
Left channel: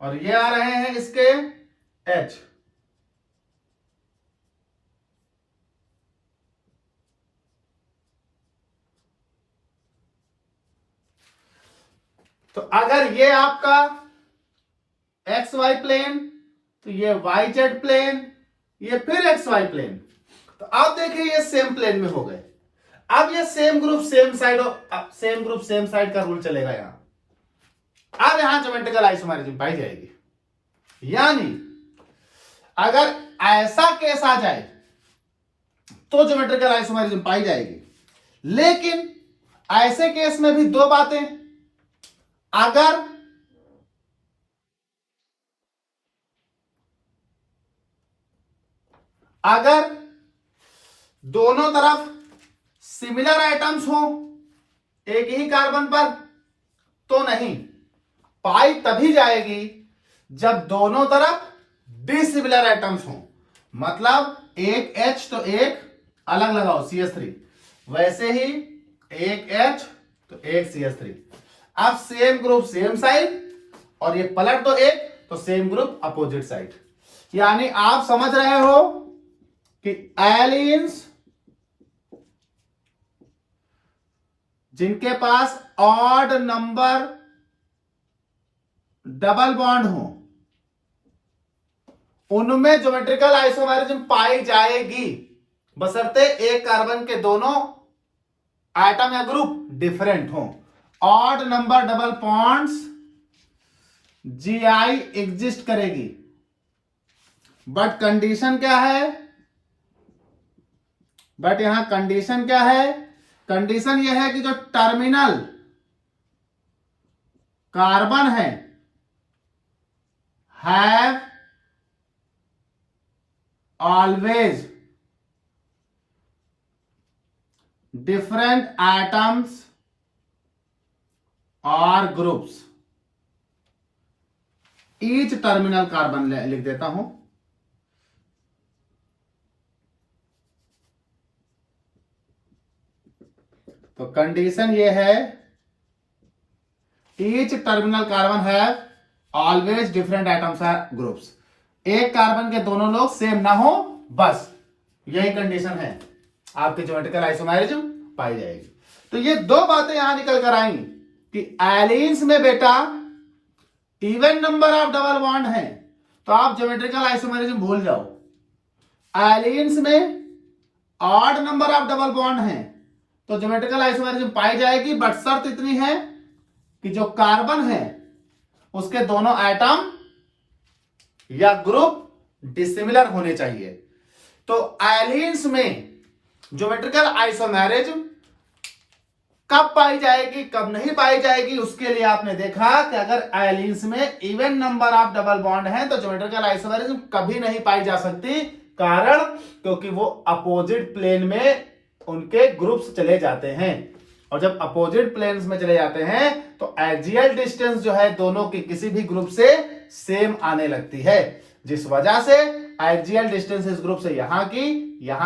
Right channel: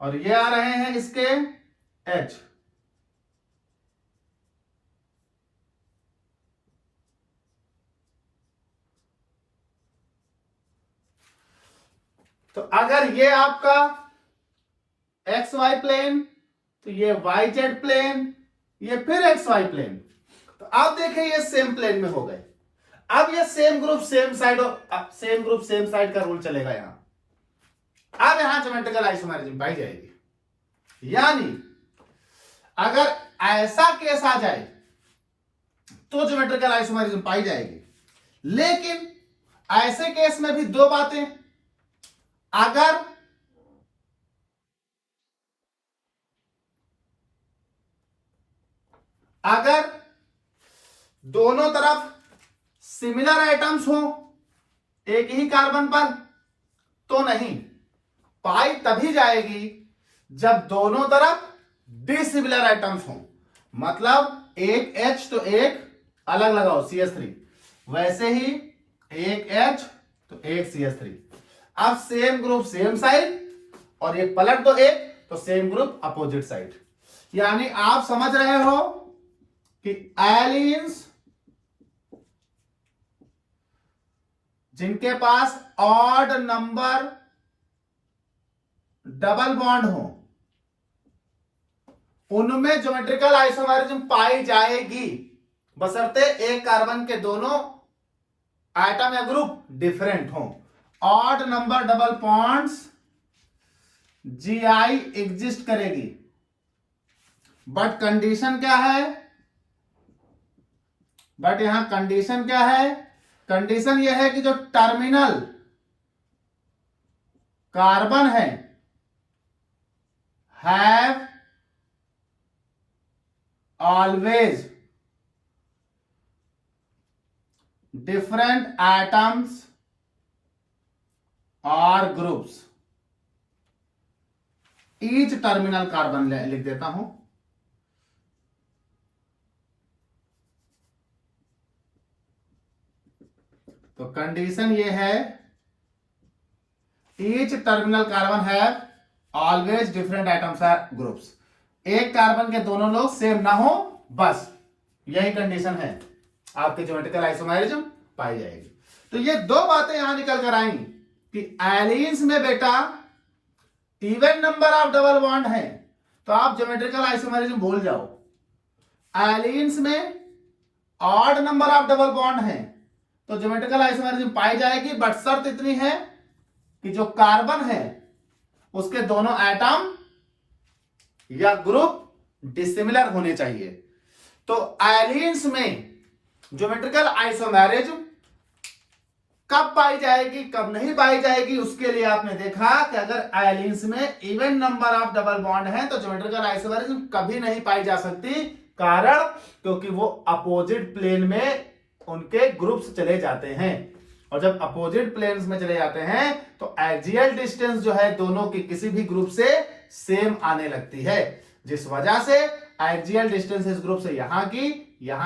और ये आ रहे हैं इसके H। तो अगर ये आपका XY प्लेन, तो ये YZ प्लेन, ये फिर XY प्लेन, तो अब देखिए ये सेम प्लेन में हो गए। अब ये same group same side, same group same side का रूल चलेगा यहां। अब यहां ज्योमेट्रिकल आइसोमेरिज्म पाई जाएगी। यानी अगर ऐसा केस आ जाए तो ज्योमेट्रिकल आइसोमेरिज्म पाई जाएगी। लेकिन ऐसे केस में भी दो बातें, अगर अगर दोनों तरफ सिमिलर आइटम्स हो एक ही कार्बन पर तो नहीं, पाई तभी जाएगी जब दोनों तरफ डिसिमिलर आइटम्स हो। मतलब एक H तो एक अलग लगाओ CH3, वैसे ही एक H तो एक CH3। अब सेम ग्रुप सेम साइड और ये पलट दो एक तो सेम ग्रुप अपोजिट साइड। यानी आप समझ रहे हो कि एलिन्स जिनके पास ऑड नंबर डबल बॉन्ड हो उनमें ज्योमेट्रिकल आइसोमेरिज्म पाई जाएगी, बशर्ते एक कार्बन के दोनों एटम या ग्रुप डिफरेंट हो। Odd number double bonds GI exist करेगी, बट कंडीशन क्या है? बट यहां कंडीशन क्या है? कंडीशन यह है कि जो टर्मिनल कार्बन है हैव ऑलवेज डिफरेंट एटम्स और ग्रुप्स। ईच टर्मिनल कार्बन लिख देता हूं। तो कंडीशन ये है, each terminal carbon have always different atoms और ग्रुप्स। एक कार्बन के दोनों लोग सेम ना हो, बस यही कंडीशन है, आपके ज्योमेट्रिकल आइसोमेरिज्म पाई जाएगी। तो ये दो बातें यहां निकल कर आएंगी कि एलिन्स में बेटा even number of double bond है तो आप ज्योमेट्रिकल आइसोमेरिज्म भूल जाओ। एलिन्स में odd number of double bond है तो ज्योमेट्रिकल आइसोमेरिज्म पाई जाएगी, बट शर्त इतनी है कि जो कार्बन है उसके दोनों एटम या ग्रुप डिसिमिलर होने चाहिए। तो एलिन्स में ज्योमेट्रिकल आइसोमेरिज्म कब पाई जाएगी कब नहीं पाई जाएगी, उसके लिए आपने देखा कि अगर एलिन्स में even number of double bond है तो ज्योमेट्रिकल आइसोमेरिज्म कभी नहीं पाई जा सकती। कारण क्योंकि वो अपोजिट प्लेन में उनके ग्रुप्स चले जाते हैं, और जब अपोजिट प्लेन्स में चले जाते हैं तो एक्सियल डिस्टेंस जो है दोनों की किसी भी ग्रुप से सेम आने लगती है, जिस वजह से एक्सियल डिस्टेंस इस ग्रुप से यहां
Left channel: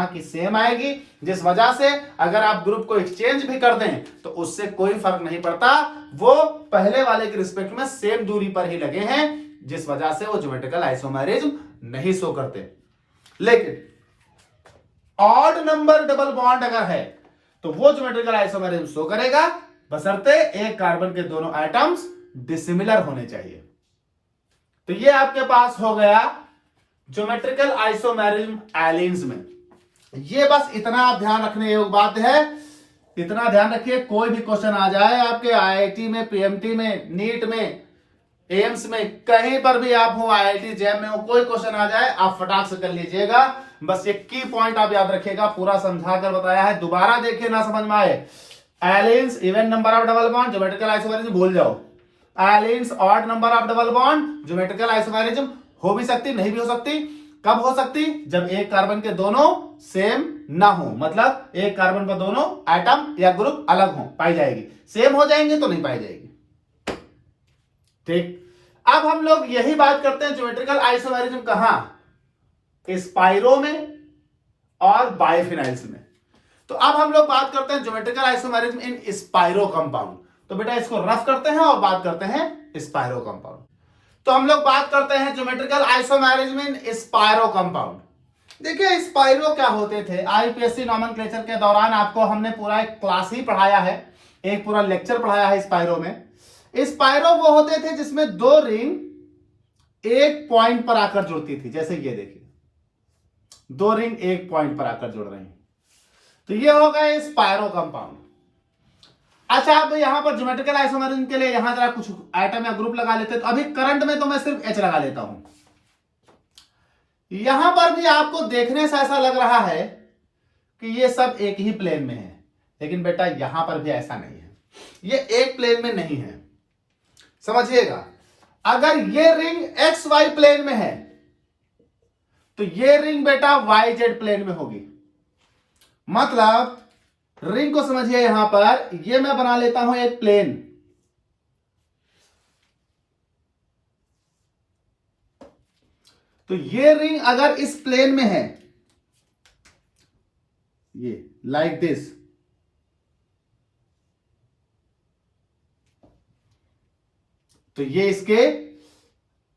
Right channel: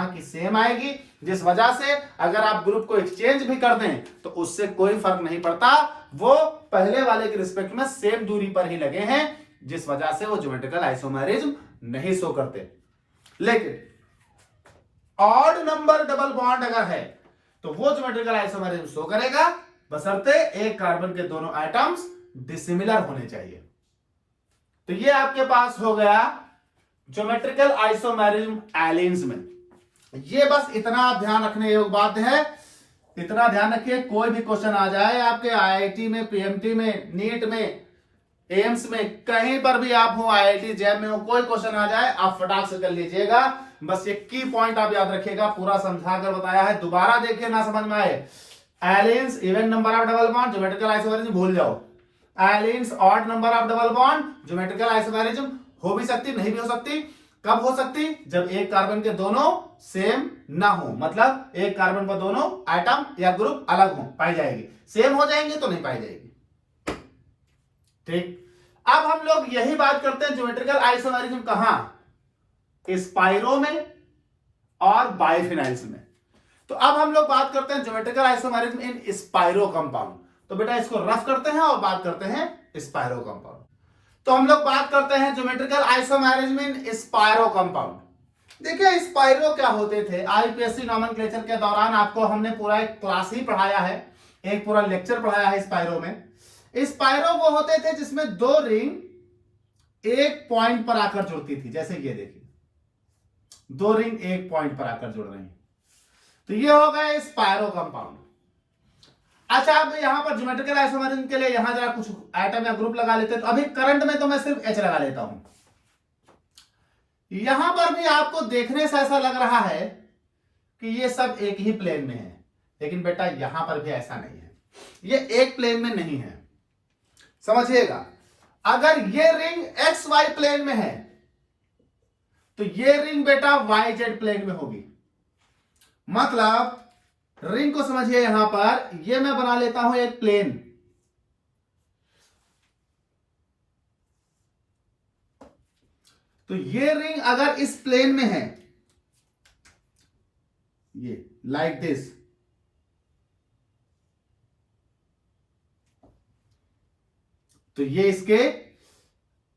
की सेम आएगी, जिस वजह से अगर आप ग्रुप को एक्सचेंज भी कर दें तो उससे कोई फर्क नहीं पड़ता, वो पहले वाले के रिस्पेक्ट में सेम दूरी पर ही लगे हैं, जिस वजह से वो ज्योमेट्रिकल आइसोमेरिज्म नहीं शो करते। लेकिन ऑड नंबर डबल बॉन्ड अगर है तो वो ज्योमेट्रिकल आइसोमेरिज्म शो करेगा, बशर्ते एक कार्बन के दोनों एटम्स डिसिमिलर होने चाहिए। तो ये आपके पास हो गया ज्योमेट्रिकल आइसोमेरिज्म एलिन्स में। ये बस इतना आप ध्यान रखने योग्य बात है, इतना ध्यान रखिए कोई भी क्वेश्चन आ जाए आपके IIT में, PMT में, नीट में, एम्स में, कहीं पर भी आप हो, IIT जैम में हो, कोई क्वेश्चन आ जाए आप फटाक से कर लीजिएगा। बस ये की पॉइंट आप याद रखिएगा, पूरा समझा कर बताया है, दोबारा देखिए ना समझ में आए। Allenes even number of double bond geometrical isomerism भूल जाओ। Allenes odd number of double bond geometrical isomerism हो भी सकती नहीं भी हो सकती। कब हो सकती? जब एक कार्बन के दोनों सेम ना हो, मतलब एक कार्बन पर दोनों एटम या ग्रुप अलग हो, पाई जाएगी। सेम हो जाएंगे तो नहीं पाई जाएगी। ठीक, अब हम लोग यही बात करते हैं ज्योमेट्रिकल आइसोमेरिज्म कहां? स्पाइरो में और बाइफिनाइल्स में। तो अब हम लोग बात करते हैं geometrical isomerism in spiro compound. तो बेटा इसको रफ करते हैं और बात करते हैं स्पाइरो कंपाउंड। तो हम लोग बात करते हैं geometrical isomerism in spiro compound. देखिए स्पाइरो क्या होते थे, IPSC नॉमेनक्लेचर के दौरान आपको हमने पूरा एक क्लास ही पढ़ाया है, एक पूरा लेक्चर पढ़ाया है स्पाइरो में। स्पाइरो वो होते थे जिसमें दो रिंग एक पॉइंट पर आकर जुड़ती थी, जैसे ये देखिए दो रिंग एक पॉइंट पर आकर जुड़ रही हैं, तो ये हो गए स्पाइरो कंपाउंड। अच्छा, अब यहां पर ज्योमेट्रिकल आइसोमेरिज्म के लिए यहां जरा कुछ आइटम या ग्रुप लगा लेते हैं। तो अभी करंट में तो मैं सिर्फ H लगा लेता हूं। यहां पर भी आपको देखने से ऐसा लग रहा है कि ये सब एक ही प्लेन में है, लेकिन बेटा यहां पर भी ऐसा नहीं है, ये एक प्लेन में नहीं है। समझिएगा, अगर ये रिंग XY प्लेन में है तो ये रिंग बेटा वाई जेड प्लेन में होगी। मतलब रिंग को समझिए, यहां पर ये मैं बना लेता हूं एक प्लेन। तो ये रिंग अगर इस प्लेन में है, ये लाइक दिस, तो ये इसके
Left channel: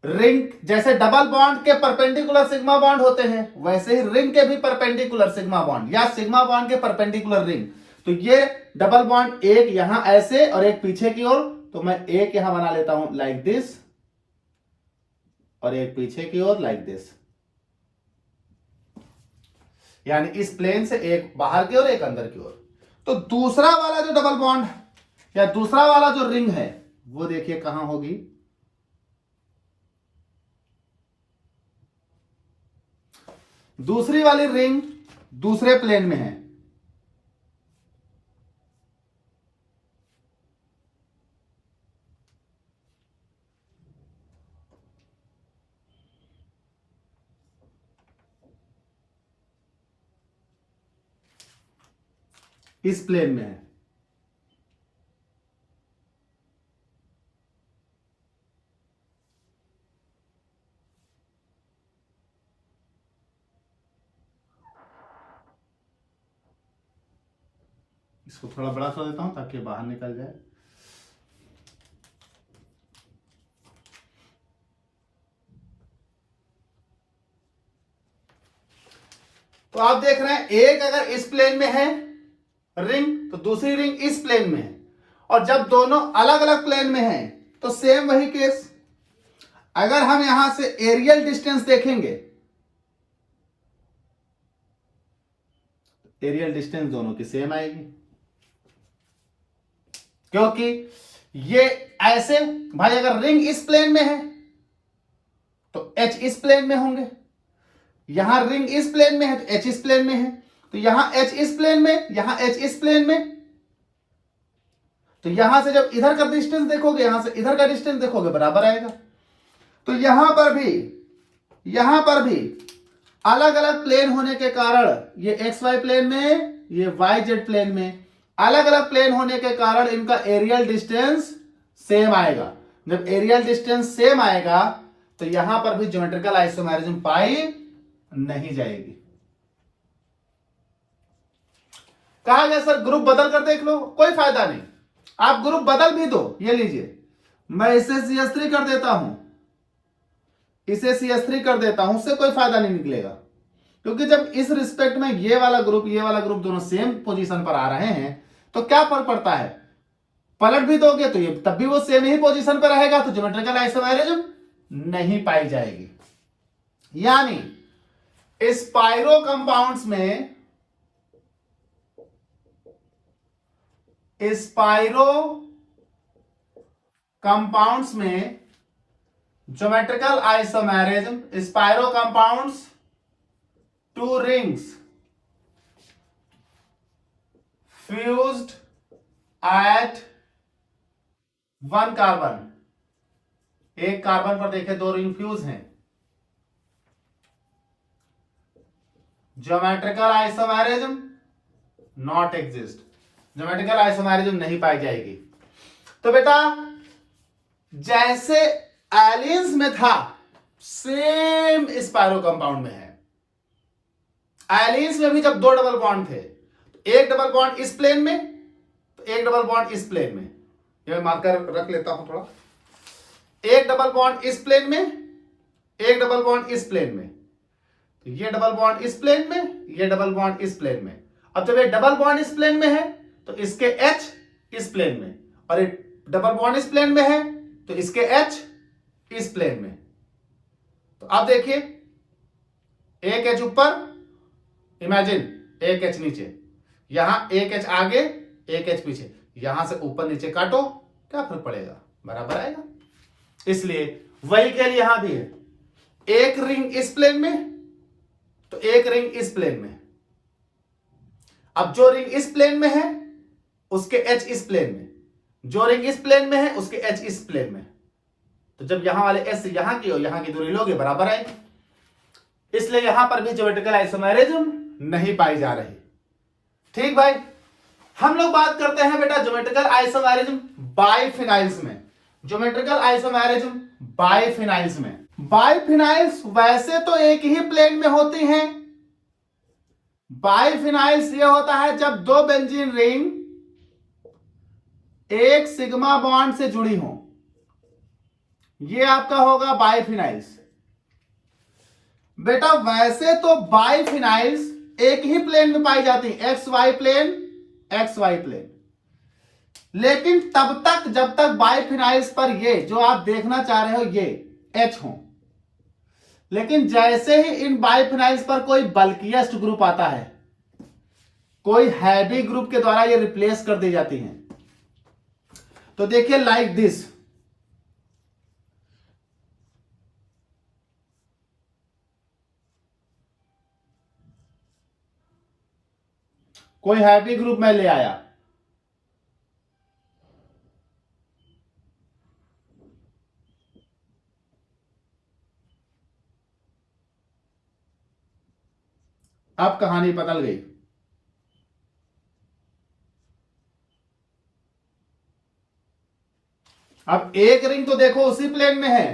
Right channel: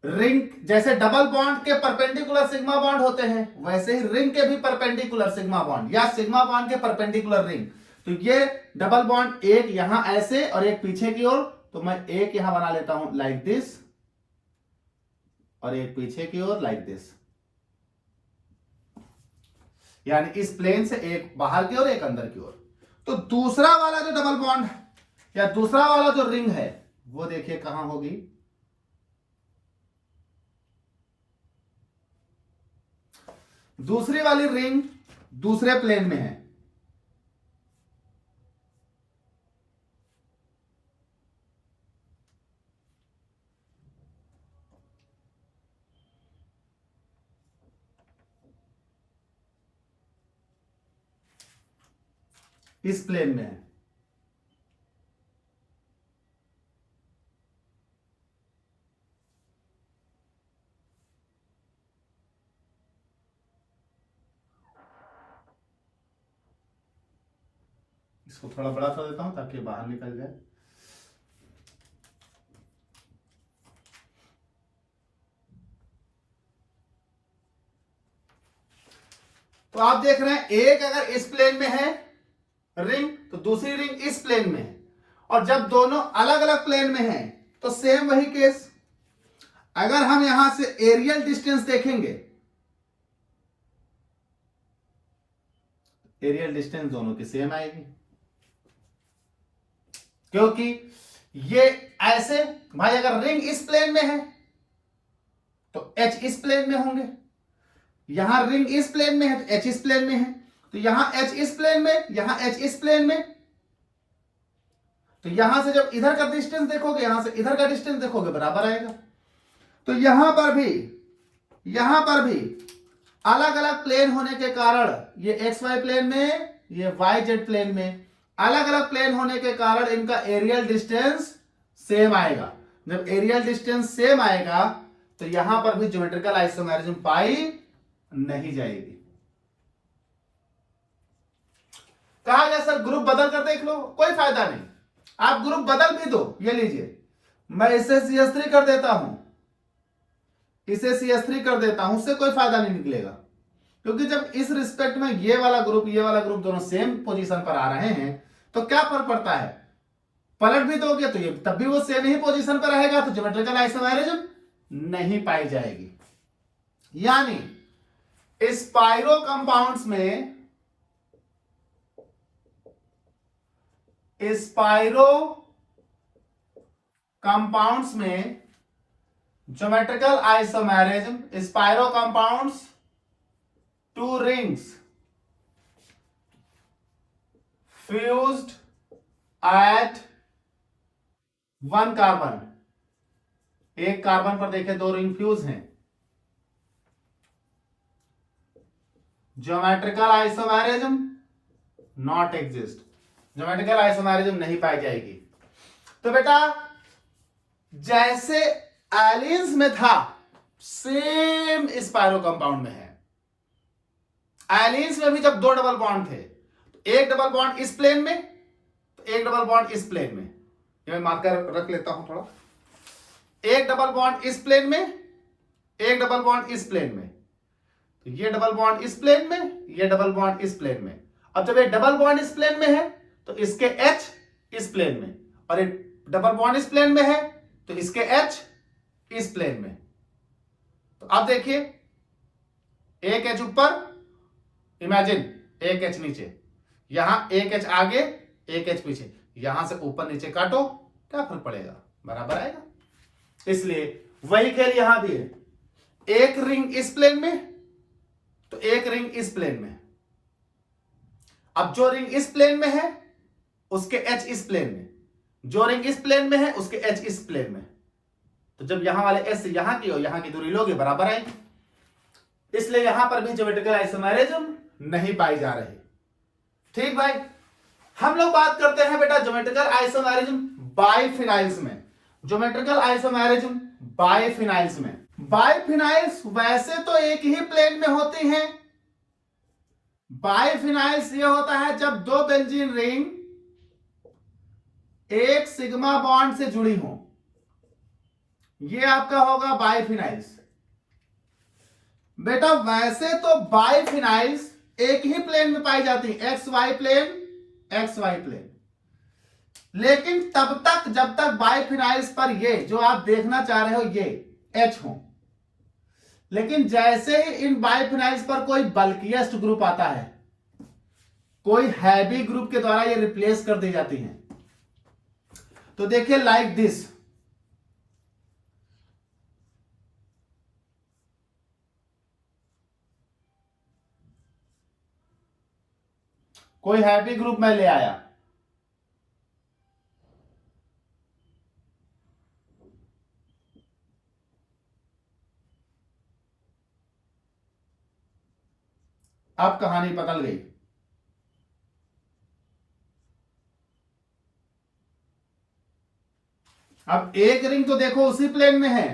रिंग, जैसे डबल बॉन्ड के परपेंडिकुलर सिग्मा बॉन्ड होते हैं, वैसे ही रिंग के भी परपेंडिकुलर सिग्मा बॉन्ड या सिग्मा बॉन्ड के परपेंडिकुलर रिंग। तो ये डबल बॉन्ड एक यहां ऐसे और एक पीछे की ओर, तो मैं एक यहां बना लेता हूं लाइक दिस और एक पीछे की ओर लाइक दिस, यानी इस प्लेन से एक बाहर की ओर एक अंदर की ओर। तो दूसरा वाला जो डबल बॉन्ड या दूसरा वाला जो रिंग है वो देखिए कहां होगी, दूसरी वाली रिंग दूसरे प्लेन में है। इस प्लेन में है। इसको थोड़ा बड़ा कर देता हूं ताकि बाहर निकल जाए। तो आप देख रहे हैं, एक अगर इस प्लेन में है रिंग, तो दूसरी रिंग इस प्लेन में है। और जब दोनों अलग अलग प्लेन में हैं तो सेम वही केस। अगर हम यहां से एरियल डिस्टेंस देखेंगे, एरियल डिस्टेंस दोनों की सेम आएगी, क्योंकि ये ऐसे, भाई अगर रिंग इस प्लेन में है तो एच इस प्लेन में होंगे, यहां रिंग इस प्लेन में है तो एच इस प्लेन में है, तो यहां एच इस प्लेन में, यहां एच इस प्लेन में। तो यहां से जब इधर का डिस्टेंस देखोगे, यहां से इधर का डिस्टेंस देखोगे, बराबर आएगा। तो यहां पर भी अलग अलग प्लेन होने के कारण, ये एक्स वाई प्लेन में, ये वाई जेड प्लेन में, अलग अलग प्लेन होने के कारण इनका एरियल डिस्टेंस सेम आएगा। जब एरियल डिस्टेंस सेम आएगा तो यहां पर भी ज्योमेट्रिकल आइसोमेरिज्म पाई नहीं जाएगी। कहा गया सर ग्रुप बदल कर देख लो, कोई फायदा नहीं। आप ग्रुप बदल भी दो, ये लीजिए, मैं इसे CS3 कर देता हूं, इसे CS3 कर देता हूं, उससे कोई फायदा नहीं निकलेगा। क्योंकि जब इस रिस्पेक्ट में ये वाला ग्रुप दोनों सेम पोजीशन पर आ रहे हैं तो क्या फर्क पड़ता है, पलट भी दोगे तो ये तब भी वो सेम ही पोजीशन पर रहेगा, तो ज्योमेट्रिकल आइसोमेरिज्म नहीं पाई जाएगी। यानी स्पाइरो कंपाउंड्स में geometrical isomerism, spiro compounds, two rings fused at one carbon, एक कार्बन पर देखें दो रिंग फ्यूज हैं, geometrical isomerism not exist, geometrical isomerism नहीं पाई जाएगी। तो बेटा जैसे एलियंस में था सेम स्पाइरो कंपाउंड में है। एलियंस में भी जब दो डबल बॉन्ड थे, तो एक डबल बॉन्ड इस प्लेन में तो एक डबल बॉन्ड इस प्लेन में, ये मैं मार्कर रख लेता हूं थोड़ा, एक डबल बॉन्ड इस प्लेन में, एक डबल बॉन्ड इस प्लेन में, तो ये डबल बॉन्ड इस प्लेन में, ये डबल बॉन्ड इस प्लेन में। अब जब ये डबल बॉन्ड इस प्लेन में है तो इसके H इस प्लेन में, और एक डबल बॉन्ड इस प्लेन में है तो इसके H इस प्लेन में। तो अब देखिए, एक H ऊपर, इमेजिन एक H नीचे, यहां एक H आगे एक H पीछे, यहां से ऊपर नीचे काटो, क्या फर्क पड़ेगा, बराबर आएगा। इसलिए वही खेल यहां भी है, एक रिंग इस प्लेन में तो एक रिंग इस प्लेन में। अब जो रिंग इस प्लेन में है उसके H इस प्लेन में, जो रिंग इस प्लेन में है उसके H इस प्लेन में। तो जब यहां वाले S से यहां की और यहां की दूरी लोगे, बराबर आएगी। इसलिए यहां पर भी ज्योमेट्रिकल आइसोमेरिज्म नहीं पाई जा रही। ठीक भाई, हम लोग बात करते हैं बेटा ज्योमेट्रिकल आइसोमेरिज्म बाइफिनाइल्स में। ज्योमेट्रिकल आइसोमेरिज्म बाइफिनाइल्स में, बाइफिनाइल्स वैसे तो एक ही प्लेन में होती हैं। बाइफिनाइल्स ये होता है जब दो बेंजीन रिंग एक सिग्मा बॉन्ड से जुड़ी हो, ये आपका होगा बाइफिनाइल्स। बेटा वैसे तो बाइफिनाइल्स एक ही प्लेन में पाई जाती है, x y plane, x y plane. लेकिन तब तक जब तक बाइफिनाइल्स पर ये जो आप देखना चाह रहे हो ये एच हो, लेकिन जैसे ही इन बाइफिनाइल्स पर कोई बल्किएस्ट ग्रुप आता है, कोई हैवी ग्रुप के द्वारा ये रिप्लेस कर दी जाती हैं। तो देखिए लाइक दिस, कोई हैवी ग्रुप मैं ले आया, अब कहानी बदल गई। अब एक रिंग तो देखो उसी प्लेन में है,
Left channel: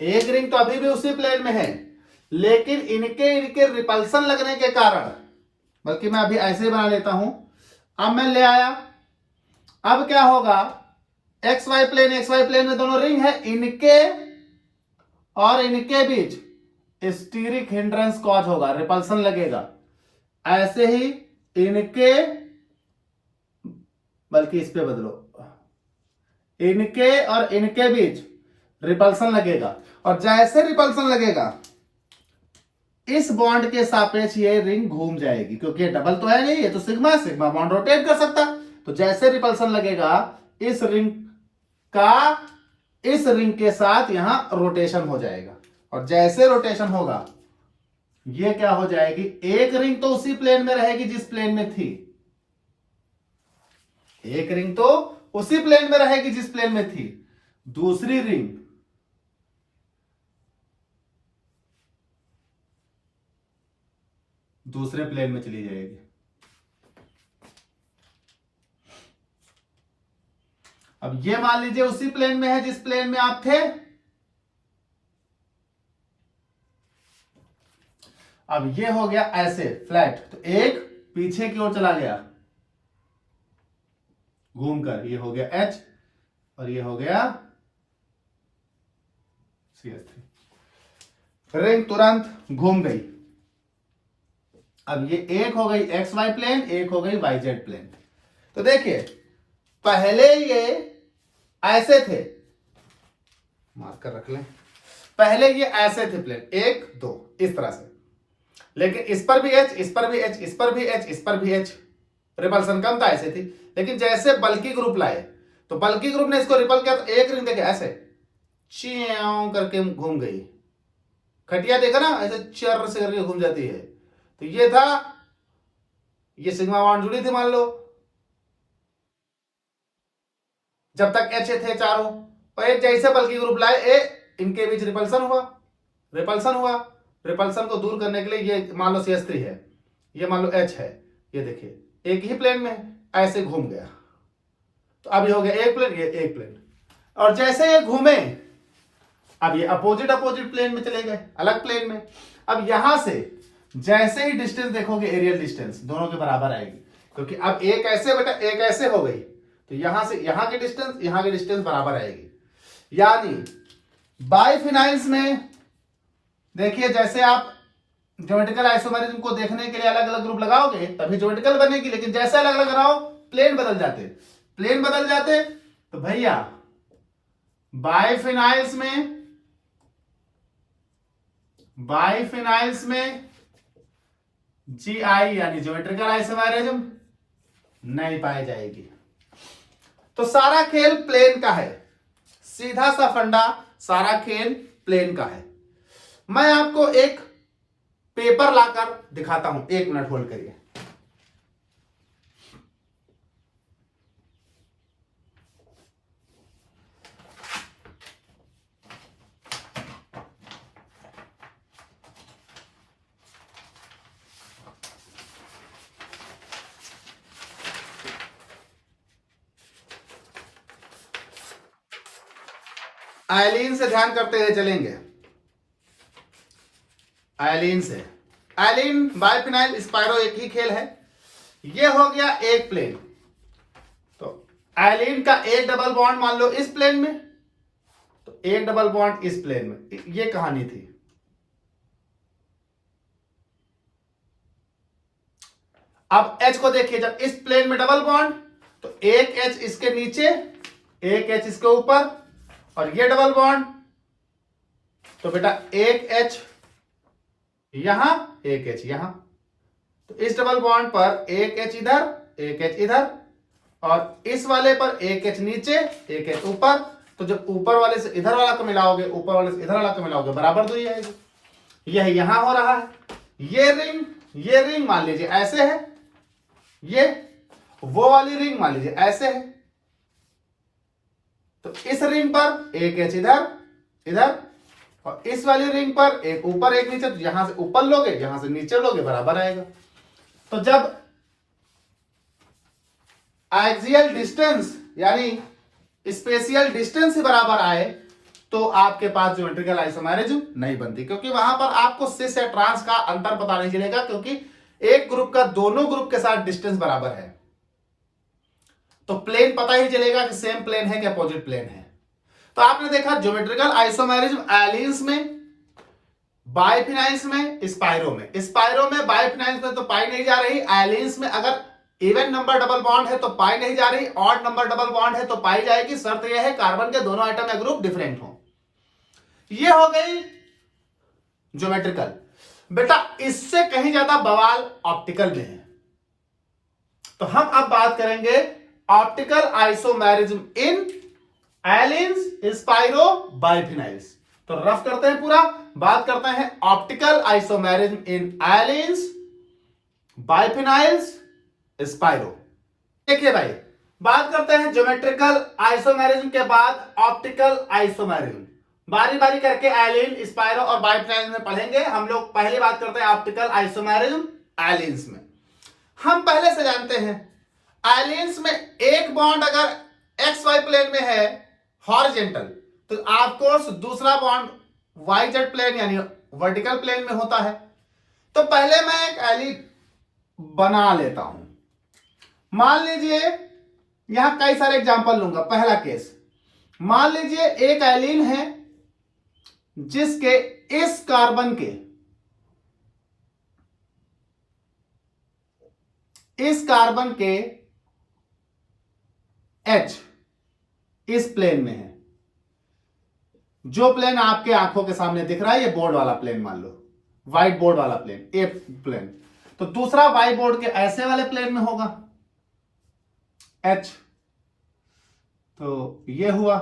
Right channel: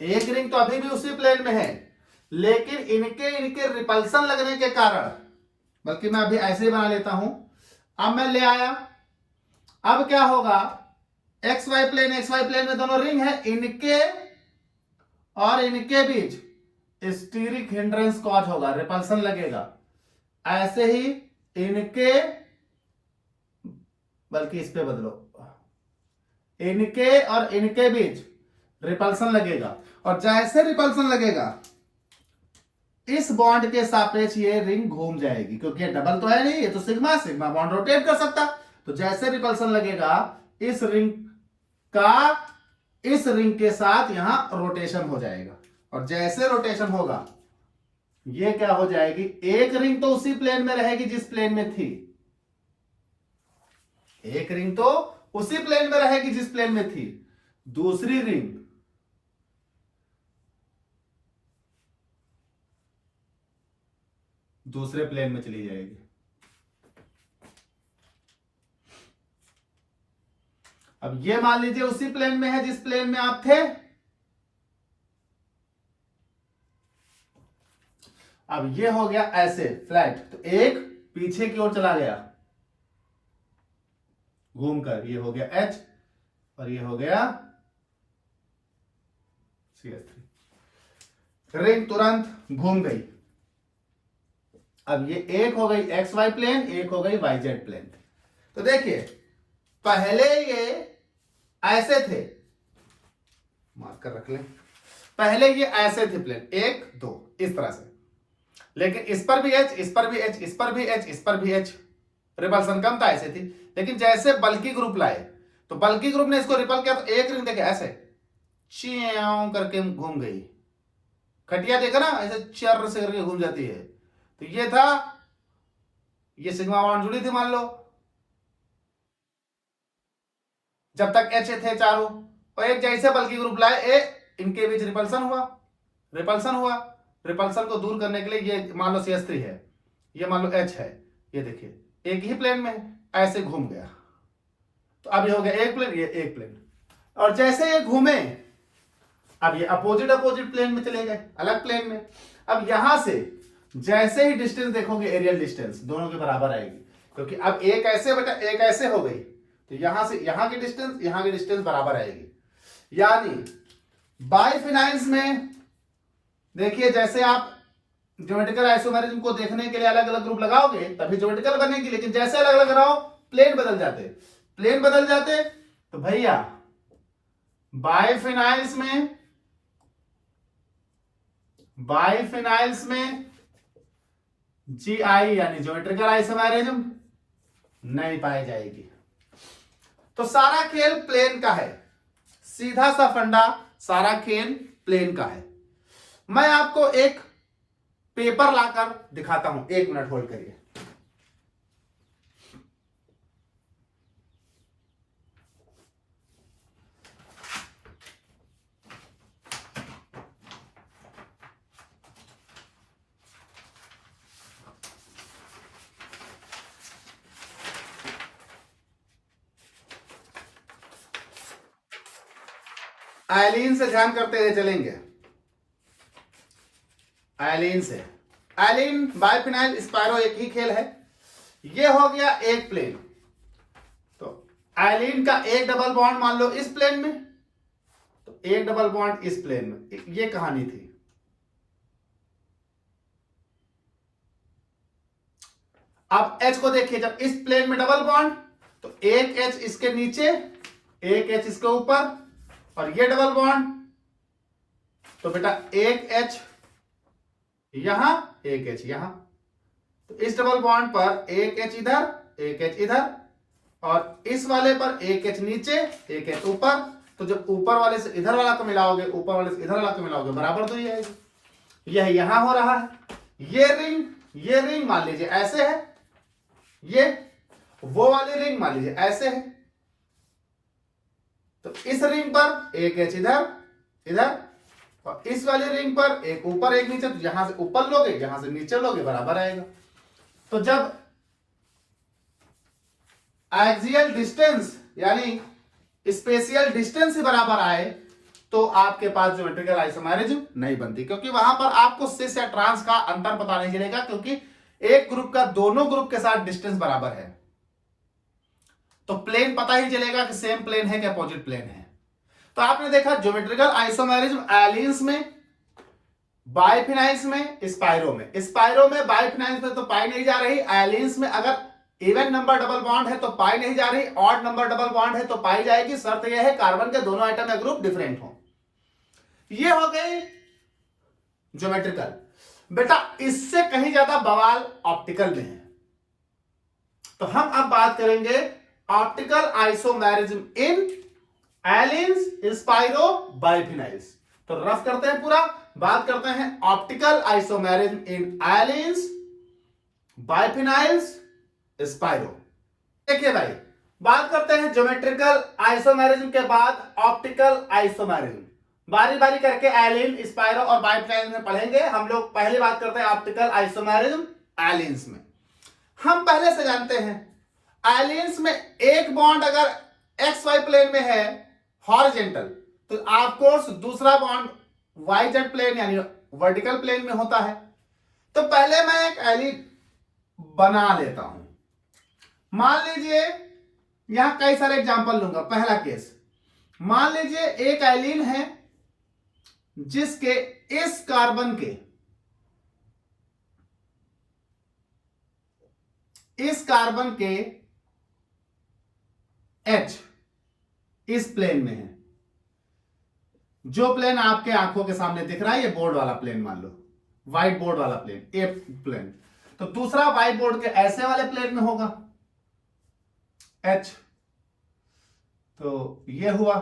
एक रिंग तो अभी भी उसी प्लेन में है, लेकिन इनके रिपल्सन लगने के कारण, बल्कि मैं अभी ऐसे बना लेता हूं, अब मैं ले आया, अब क्या होगा, एक्स वाई प्लेन में दोनों रिंग है, इनके और इनके बीच स्टीरिक हिंड्रेंस कॉज होगा, रिपल्सन लगेगा। ऐसे ही इनके, बल्कि इस पे बदलो, इनके और इनके बीच रिपल्सन लगेगा, और जैसे रिपल्सन लगेगा इस बॉन्ड के सापेक्ष ये रिंग घूम जाएगी, क्योंकि ये डबल तो है नहीं, ये तो सिग्मा, सिग्मा बॉन्ड रोटेट कर सकता। तो जैसे रिपल्सन लगेगा इस रिंग का इस रिंग के साथ यहां रोटेशन हो जाएगा, और जैसे रोटेशन होगा ये क्या हो जाएगी, एक रिंग तो उसी प्लेन में रहेगी जिस प्लेन में थी, एक रिंग तो उसी प्लेन में रहेगी जिस प्लेन में थी, दूसरी रिंग दूसरे प्लेन में चली जाएगी। अब ये मान लीजिए उसी प्लेन में है जिस प्लेन में आप थे, अब ये हो गया ऐसे फ्लैट, तो एक पीछे की ओर चला गया घूमकर, ये हो गया H और ये हो गया CH3, रिंग तुरंत घूम गई। अब ये एक हो गई एक्स वाई प्लेन, एक हो गई वाई जेड प्लेन। तो देखिए पहले ये ऐसे थे, मार्कर रख लें, पहले ये ऐसे थे प्लेन, एक दो इस तरह से, लेकिन इस पर भी एच, इस पर भी एच, इस पर भी एच, इस पर भी एच, रिपल्सन कम था, ऐसे थी। लेकिन जैसे बल्कि ग्रुप लाए तो बल्कि ग्रुप ने इसको रिपल किया, तो एक रिंग देखे ऐसे च्यों करके घूम गई, खटिया देखा ना ऐसे चर से करके घूम जाती है। तो ये था, ये सिग्मा बॉन्ड जुड़ी थी मान लो, जब तक एच थे चारों, और एक जैसे बल्कि ग्रुप लाए ए, इनके बीच रिपल्सन हुआ, रिपल्सन हुआ, रिपल्सन को दूर करने के लिए ये मान लो CH3 है, ये मान लो H है, ये देखिए एक ही प्लेन में ऐसे घूम गया, तो अब ये हो गया एक प्लेन, ये एक प्लेन, और जैसे ये घूमे अब ये अपोजिट प्लेन में चले गए, अलग प्लेन में। अब यहां से जैसे ही डिस्टेंस देखोगे, एरियल डिस्टेंस दोनों के बराबर आएगी, क्योंकि अब एक ऐसे बेटा एक ऐसे हो गई, तो यहां से यहां की डिस्टेंस बराबर आएगी। यानी बाइफिनाइल्स में देखिए जैसे आप ज्योमेट्रिकल आइसोमेरिज्म को देखने के लिए अलग अलग ग्रुप लगाओगे तभी ज्योमेट्रिकल बनेगी, लेकिन जैसे अलग अलग लगाओ प्लेन बदल जाते, तो भैया बाइफिनाइल्स में GI यानी ज्योमेट्रिकल आइसोमेरिज्म नहीं पाई जाएगी। तो सारा खेल प्लेन का है, सीधा सा फंडा, सारा खेल प्लेन का है। मैं आपको एक पेपर लाकर दिखाता हूं, 1 मिनट होल्ड करिए। एलिन से ध्यान करते हुए चलेंगे। एलिन से, एलिन बाइफिनाइल स्पायरो एक ही खेल है। ये हो गया एक प्लेन। तो एलिन का एक डबल बॉन्ड मान लो इस प्लेन में, तो एक डबल बॉन्ड इस प्लेन में, ये कहानी थी। अब H को देखिए, जब इस प्लेन में डबल बॉन्ड तो एक H इसके नीचे, एक H इसके ऊपर, और ये डबल बॉन्ड तो बेटा एक H यहां, एक H यहां। तो इस डबल बॉन्ड पर एक H इधर, एक H इधर, और इस वाले पर एक H नीचे, एक H ऊपर। तो जब ऊपर वाले से इधर वाला को मिलाओगे, ऊपर वाले से इधर वाला को मिलाओगे, बराबर दूरी आएगी। यह यहां हो रहा है। ये रिंग मान लीजिए ऐसे है, ये वो वाली रिंग मान लीजिए ऐसे है। तो इस रिंग पर एक H इधर, इधर, और इस वाली रिंग पर एक ऊपर एक नीचे। तो यहां से ऊपर लोगे, यहां से नीचे लोगे, बराबर आएगा। तो जब एक्सियल डिस्टेंस यानी स्पेशियल डिस्टेंस ही बराबर आए तो आपके पास ज्योमेट्रिकल आइसोमेरिज्म नहीं बनती, क्योंकि वहां पर आपको सिस या ट्रांस का अंतर पता नहीं चलेगा, क्योंकि एक ग्रुप का दोनों ग्रुप के साथ डिस्टेंस बराबर है। तो प्लेन पता ही चलेगा कि सेम प्लेन है कि अपोजिट प्लेन है। तो आपने देखा ज्योमेट्रिकल आइसोमेरिज्म एलिन्स में, बाइफिनाइल्स में, स्पाइरो में। स्पाइरो में, बाइफिनाइल्स में तो पाई नहीं जा रही। एलिन्स में अगर इवन नंबर डबल बॉन्ड है तो पाई नहीं जा रही, ऑड नंबर डबल बॉन्ड है तो पाई जाएगी। शर्त यह है कार्बन के दोनों आइटम या ग्रुप डिफरेंट हो। ये हो गई ज्योमेट्रिकल। बेटा इससे कहीं ज्यादा बवाल ऑप्टिकल में है। तो हम अब बात करेंगे optical isomerism in allenes, spiro, biphenyls. तो रफ करते हैं पूरा, बात करते हैं optical isomerism in allenes, biphenyls, spiro. देखिए भाई, बात करते हैं ज्योमेट्रिकल आइसोमेरिज्म के बाद ऑप्टिकल आइसोमेरिज्म। बारी बारी करके एलिन, स्पाइरो और बाइफिनाइल में पढ़ेंगे हम लोग। पहले बात करते हैं ऑप्टिकल आइसोमेरिज्म एलिन्स में। हम पहले से जानते हैं एलिन्स में एक बॉन्ड अगर एक्स वाई प्लेन में है हॉरिजेंटल, तो ऑफकोर्स दूसरा बॉन्ड वाई जेड प्लेन यानी वर्टिकल प्लेन में होता है। तो पहले मैं एक एलिन बना लेता हूं। मान लीजिए यहां कई सारे एग्जांपल लूंगा। पहला केस, मान लीजिए एक एलिन है जिसके इस कार्बन के H इस प्लेन में है। जो प्लेन आपके आंखों के सामने दिख रहा है, ये बोर्ड वाला प्लेन मान लो, व्हाइट बोर्ड वाला प्लेन, ए प्लेन। तो दूसरा व्हाइट बोर्ड के ऐसे वाले प्लेन में होगा H। तो ये हुआ।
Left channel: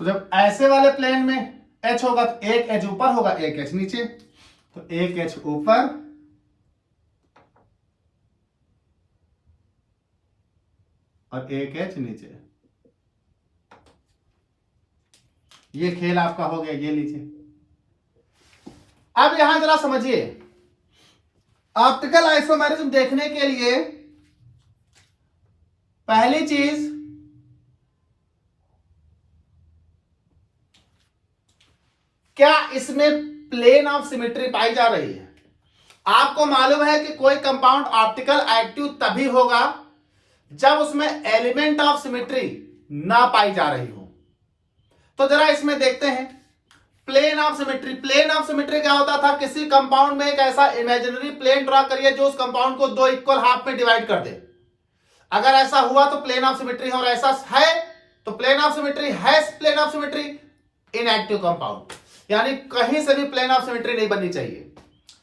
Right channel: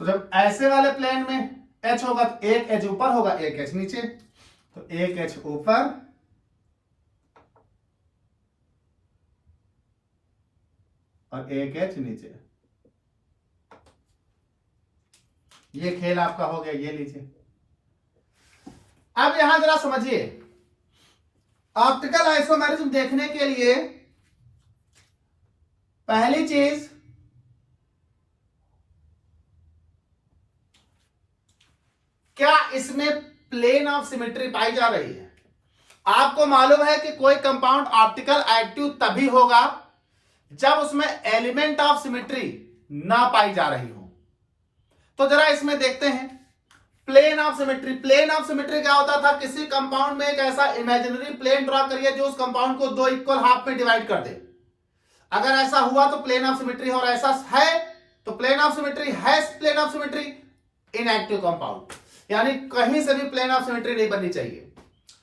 तो जब ऐसे वाले प्लेन में H होगा तो एक H ऊपर होगा, एक H नीचे। तो एक H ऊपर और एक H नीचे। ये खेल आपका हो गया। ये लीजिए, अब यहां जरा समझिए। ऑप्टिकल आइसोमेरिज्म देखने के लिए पहली चीज, क्या इसमें प्लेन ऑफ सिमेट्री पाई जा रही है? आपको मालूम है कि कोई कंपाउंड ऑप्टिकल एक्टिव तभी होगा जब उसमें एलिमेंट ऑफ सिमेट्री ना पाई जा रही हो। तो जरा इसमें देखते हैं plane of symmetry. Plane of symmetry क्या होता था? किसी कंपाउंड में एक ऐसा इमेजिनरी प्लेन ड्रॉ करिए जो उस कंपाउंड को दो इक्वल हाफ में डिवाइड कर दे। अगर ऐसा हुआ तो प्लेन ऑफ सिमेट्री, और ऐसा है तो प्लेन ऑफ सिमेट्री है। Plane of symmetry inactive compound, यानी कहीं से भी प्लेन ऑफ सिमेट्री नहीं बननी चाहिए,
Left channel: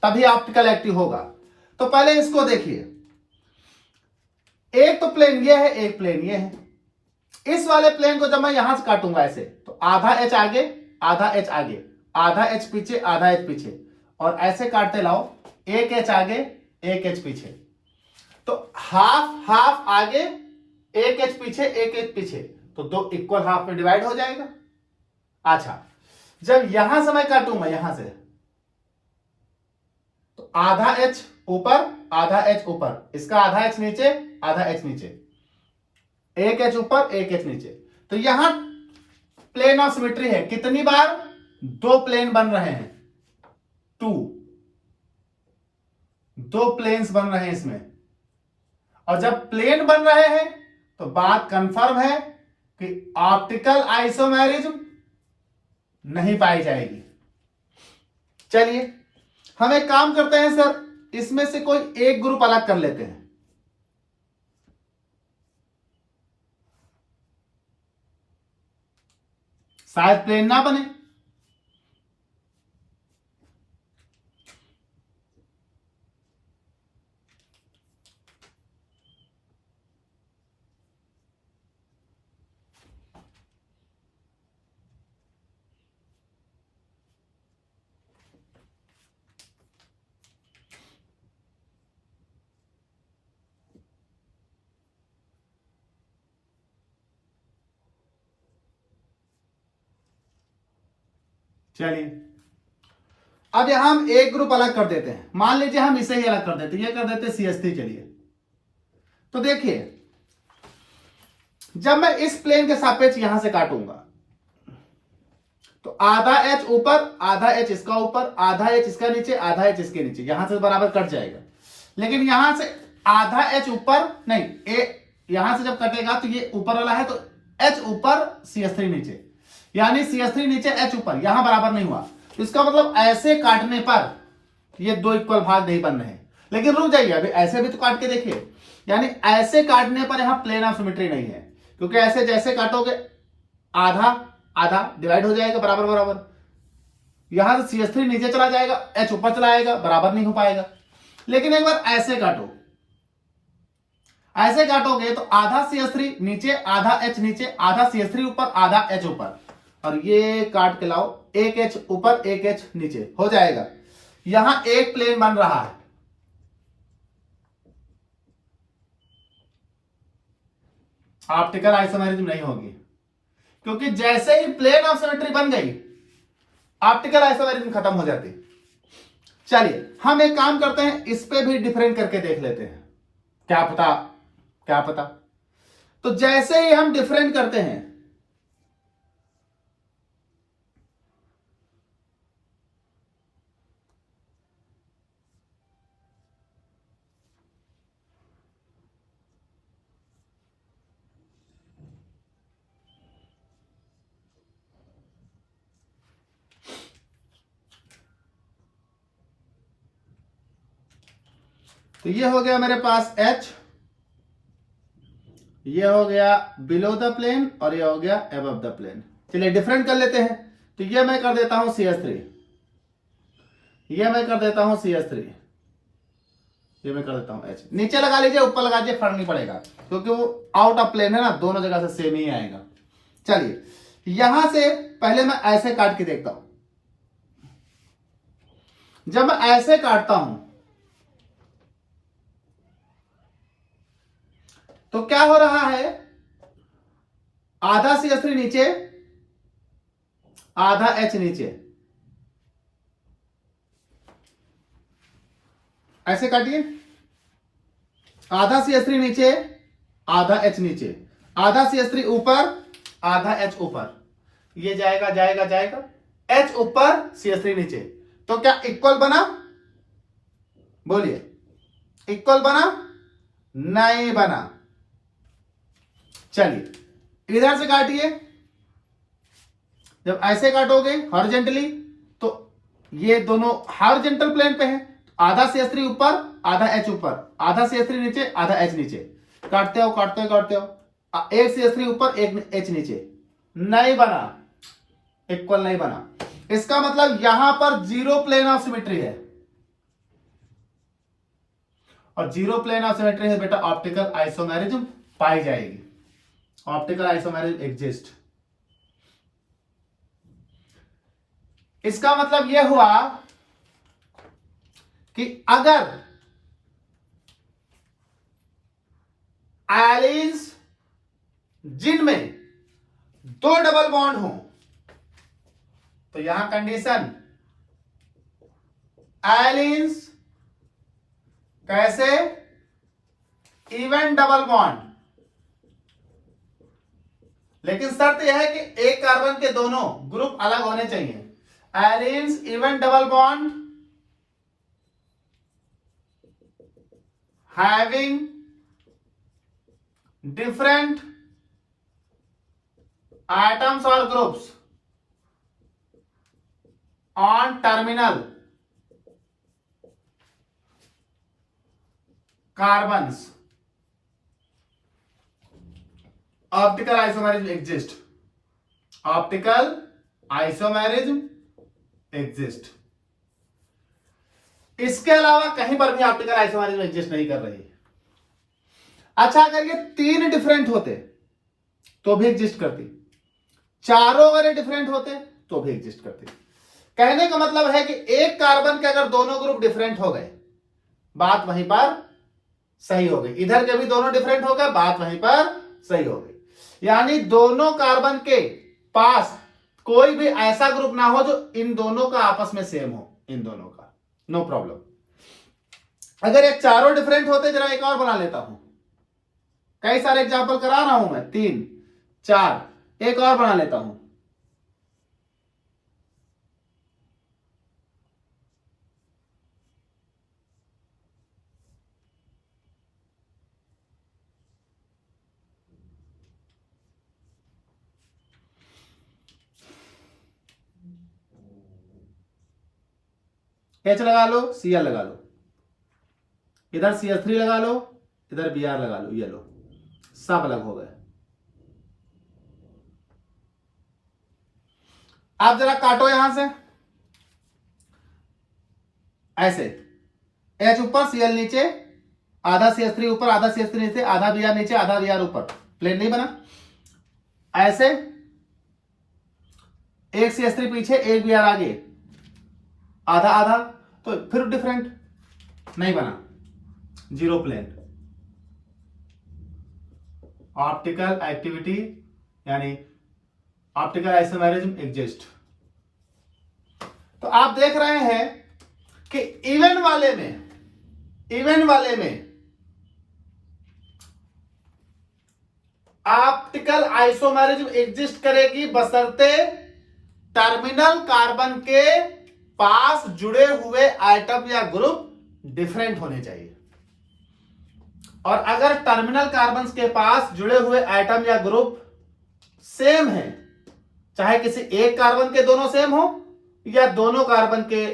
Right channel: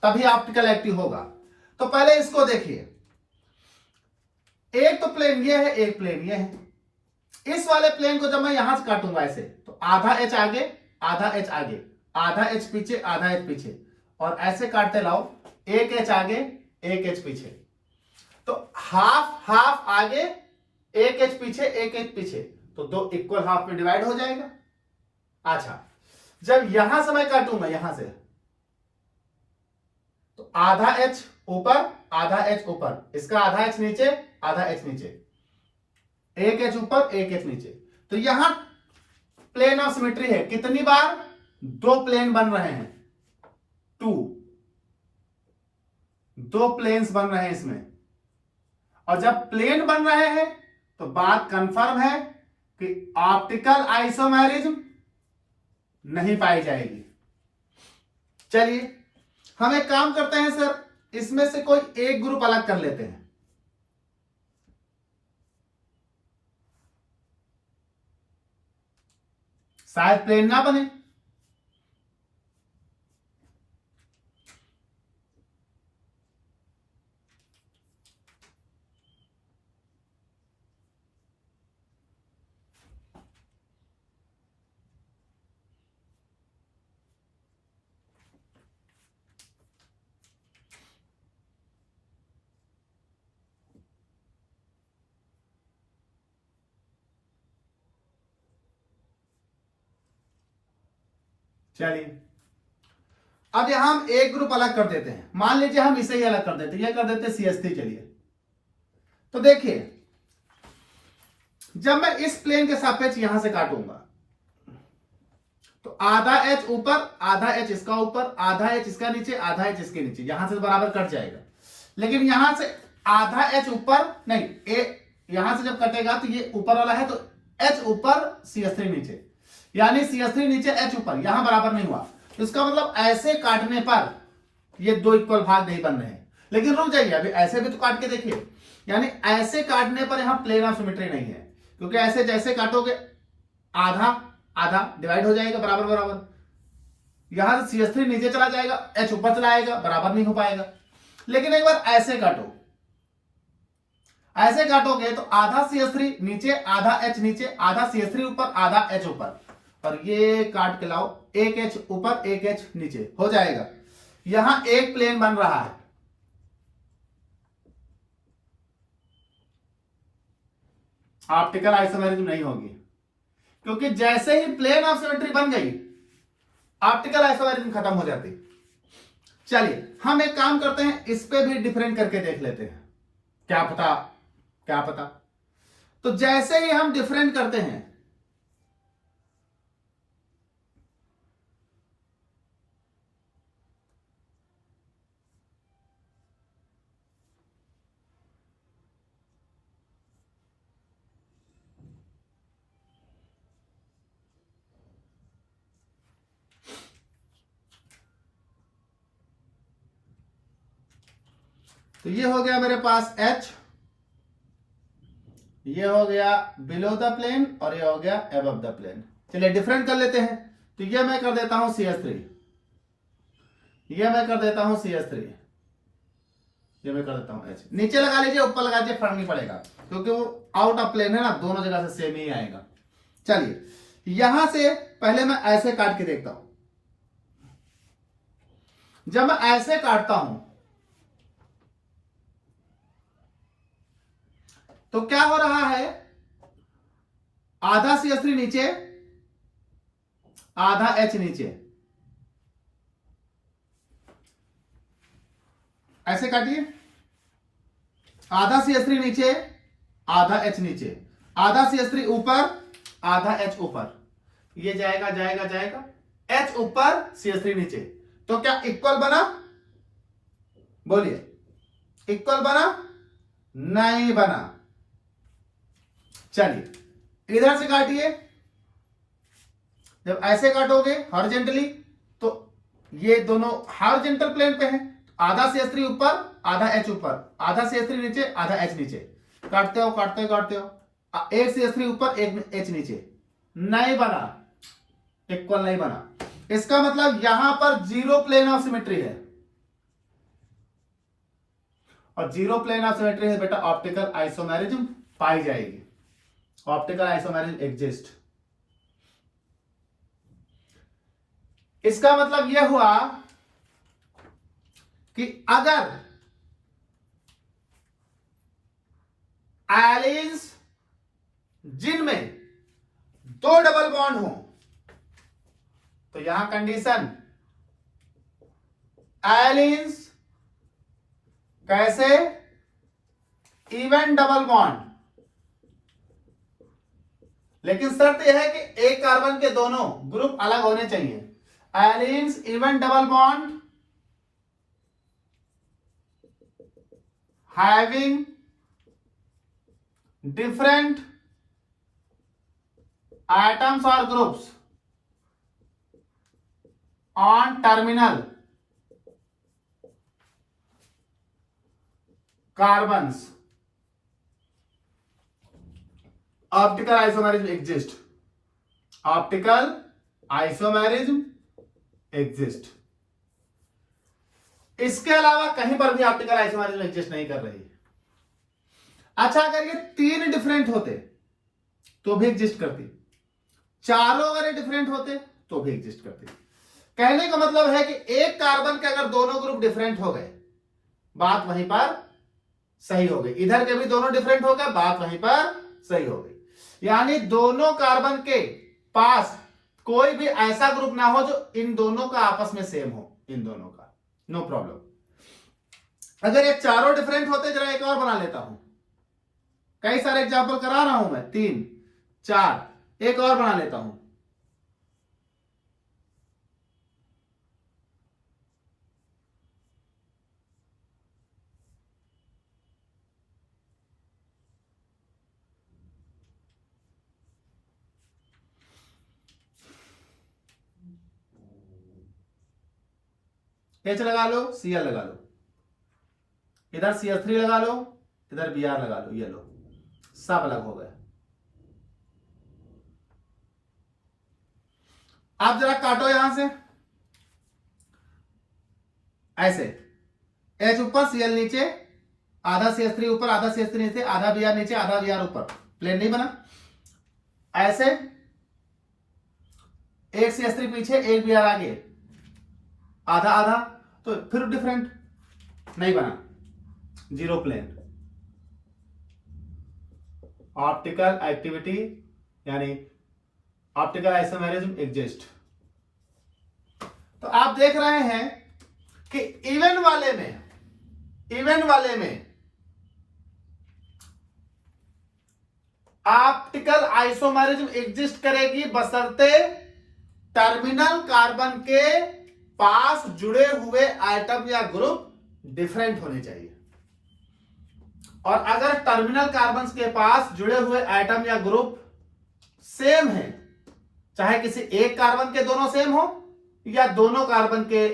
तभी ऑप्टिकल एक्टिव होगा। तो पहले इसको देखिए, एक तो प्लेन ये है, एक प्लेन ये है। इस वाले प्लेन को जब मैं यहां से काटूंगा ऐसे, तो आधा H आगे, आधा H आगे, आधा H पीछे, आधा H पीछे, और ऐसे काटते लाओ, एक एच आगे एक एच पीछे, तो हाफ हाफ आगे एक एच पीछे एक एच पीछे, तो दो इक्वल हाफ में डिवाइड हो जाएगा। अच्छा, जब यहां से मैं काटूंगा यहां से, तो आधा एच ऊपर आधा एच ऊपर, इसका आधा एच नीचे आधा एच नीचे, एक एच ऊपर एक एच नीचे, तो यहां प्लेन ऑफ सिमेट्री है। कितनी बार? दो प्लेन बन रहे हैं, टू, दो प्लेन्स बन रहे हैं इसमें। और जब प्लेन बन रहे हैं तो बात कंफर्म है कि ऑप्टिकल आइसोमेरिज्म नहीं पाई जाएगी। चलिए हम एक काम करते हैं सर, इसमें से कोई एक ग्रुप अलग कर लेते हैं। शायद प्लेन ना बने। चलिए अब यहां हम एक ग्रुप अलग कर देते हैं। मान लीजिए हम इसे ही अलग कर देते हैं, ये कर देते हैं CH3। चलिए तो देखिए, जब मैं इस प्लेन के सापेक्ष यहां से काटूंगा तो आधा एच ऊपर आधा एच इसका ऊपर, आधा एच इसका नीचे आधा एच इसके नीचे, यहां से बराबर कट जाएगा। लेकिन यहां से आधा एच ऊपर नहीं, यहां से जब कटेगा तो ये ऊपर वाला है, तो एच ऊपर CH3 नीचे, यानी CH3 नीचे एच ऊपर, यहां बराबर नहीं हुआ। तो इसका मतलब ऐसे काटने पर ये दो इक्वल भाग नहीं बन रहे हैं। लेकिन रुक जाइए, अभी ऐसे भी तो काट के देखिए, यानी ऐसे काटने पर यहां प्लेन ऑफ सिमेट्री नहीं है, क्योंकि ऐसे जैसे काटोगे आधा आधा डिवाइड हो जाएगा बराबर बराबर, यहां से CH3 नीचे चला जाएगा, एच ऊपर चला आएगा, बराबर नहीं हो पाएगा। लेकिन एक बार ऐसे काटो, ऐसे काटोगे तो आधा CH3 नीचे आधा एच नीचे, आधा CH3 ऊपर आधा एच ऊपर, और ये काट के लाओ, एक एच ऊपर एक एच नीचे हो जाएगा। यहां एक प्लेन बन रहा है। ऑप्टिकल आइसोमेरिज्म नहीं होगी, क्योंकि जैसे ही प्लेन ऑफ सिमेट्री बन गई ऑप्टिकल आइसोमेरिज्म खत्म हो जाती। चलिए हम एक काम करते हैं, इस पे भी डिफरेंट करके देख लेते हैं, क्या पता क्या पता। तो जैसे ही हम डिफरेंट करते हैं, तो ये हो गया मेरे पास H, ये हो गया बिलो द प्लेन, और ये हो गया अबव द प्लेन। चलिए डिफरेंट कर लेते हैं। तो ये मैं कर देता हूं CH3, ये मैं कर देता हूं CH3, ये मैं कर देता हूं H। नीचे लगा लीजिए ऊपर लगा लीजिए, फर्क नहीं पड़ेगा, क्योंकि वो आउट ऑफ प्लेन है ना, दोनों जगह से सेम ही आएगा। चलिए यहां से पहले मैं ऐसे काट के देखता हूं। जब मैं ऐसे काटता हूं तो क्या हो रहा है, आधा CH3 नीचे आधा H नीचे, ऐसे काटिए, आधा CH3 नीचे आधा H नीचे, आधा CH3 ऊपर आधा H ऊपर, ये जाएगा जाएगा जाएगा, H ऊपर CH3 नीचे। तो क्या इक्वल बना? बोलिए, इक्वल बना? नहीं बना। चलिए इधर से काटिए, जब ऐसे काटोगे हॉरिजॉन्टली तो ये दोनों हॉरिजॉन्टल प्लेन पे हैं, आधा CH3 ऊपर आधा H ऊपर, आधा CH3 नीचे आधा H नीचे, काटते हो काटते हो काटते हो, एक CH3 ऊपर एक H नीचे, नहीं बना, इक्वल नहीं बना। इसका मतलब यहां पर जीरो प्लेन ऑफ सिमेट्री है, और जीरो प्लेन ऑफ सिमेट्री से बेटा ऑप्टिकल आइसोमेरिज्म पाई जाएगी। Optical isomerism exist. इसका मतलब यह हुआ कि अगर एलिन्स जिनमें दो डबल बॉन्ड हो, तो यहां कंडीशन एलिन्स कैसे, इवन डबल बॉन्ड, लेकिन शर्त यह है कि एक कार्बन के दोनों ग्रुप अलग होने चाहिए। Allenes even double bond having different atoms or groups on terminal carbons, optical isomerism exist, optical isomerism exist। इसके अलावा कहीं पर भी ऑप्टिकल आइसोमेरिज्म एग्जिस्ट नहीं कर रही है। अच्छा, अगर ये तीन डिफरेंट होते तो भी एग्जिस्ट करती, चारों अगर डिफरेंट होते तो भी एग्जिस्ट करती। कहने का मतलब है कि एक कार्बन के अगर दोनों ग्रुप डिफरेंट हो गए, बात वहीं पर सही हो गई। इधर के भी दोनों डिफरेंट हो गए, बात वहीं पर सही हो गई। यानी दोनों कार्बन के पास कोई भी ऐसा ग्रुप ना हो जो इन दोनों का आपस में सेम हो, इन दोनों का नो प्रॉब्लम। अगर ये चारों डिफरेंट होते, जरा एक और बना लेता हूं, कई सारे एग्जाम्पल करा रहा हूं मैं, 3 4, एक और बना लेता हूं। H लगा लो, Cl लगा लो, इधर CH3 लगा लो, इधर Br लगा लो, ये लो, सब अलग हो गए। आप जरा काटो यहां से, ऐसे H ऊपर Cl नीचे, आधा CH3 ऊपर, आधा CH3 नीचे, आधा Br नीचे, आधा Br ऊपर, प्लेन नहीं बना। ऐसे एक CH3 पीछे, एक Br आगे, आधा आधा, तो फिर डिफरेंट नहीं बना, जीरो प्लेन। ऑप्टिकल एक्टिविटी यानी ऑप्टिकल आइसोमेरिज्म एग्जिस्ट। तो आप देख रहे हैं कि इवन वाले में ऑप्टिकल आइसोमेरिज्म एग्जिस्ट करेगी, बशर्ते टर्मिनल कार्बन के पास जुड़े हुए आइटम या ग्रुप डिफरेंट होने चाहिए। और अगर टर्मिनल कार्बन के पास जुड़े हुए आइटम या ग्रुप सेम है, चाहे किसी एक कार्बन के दोनों सेम हो या दोनों कार्बन के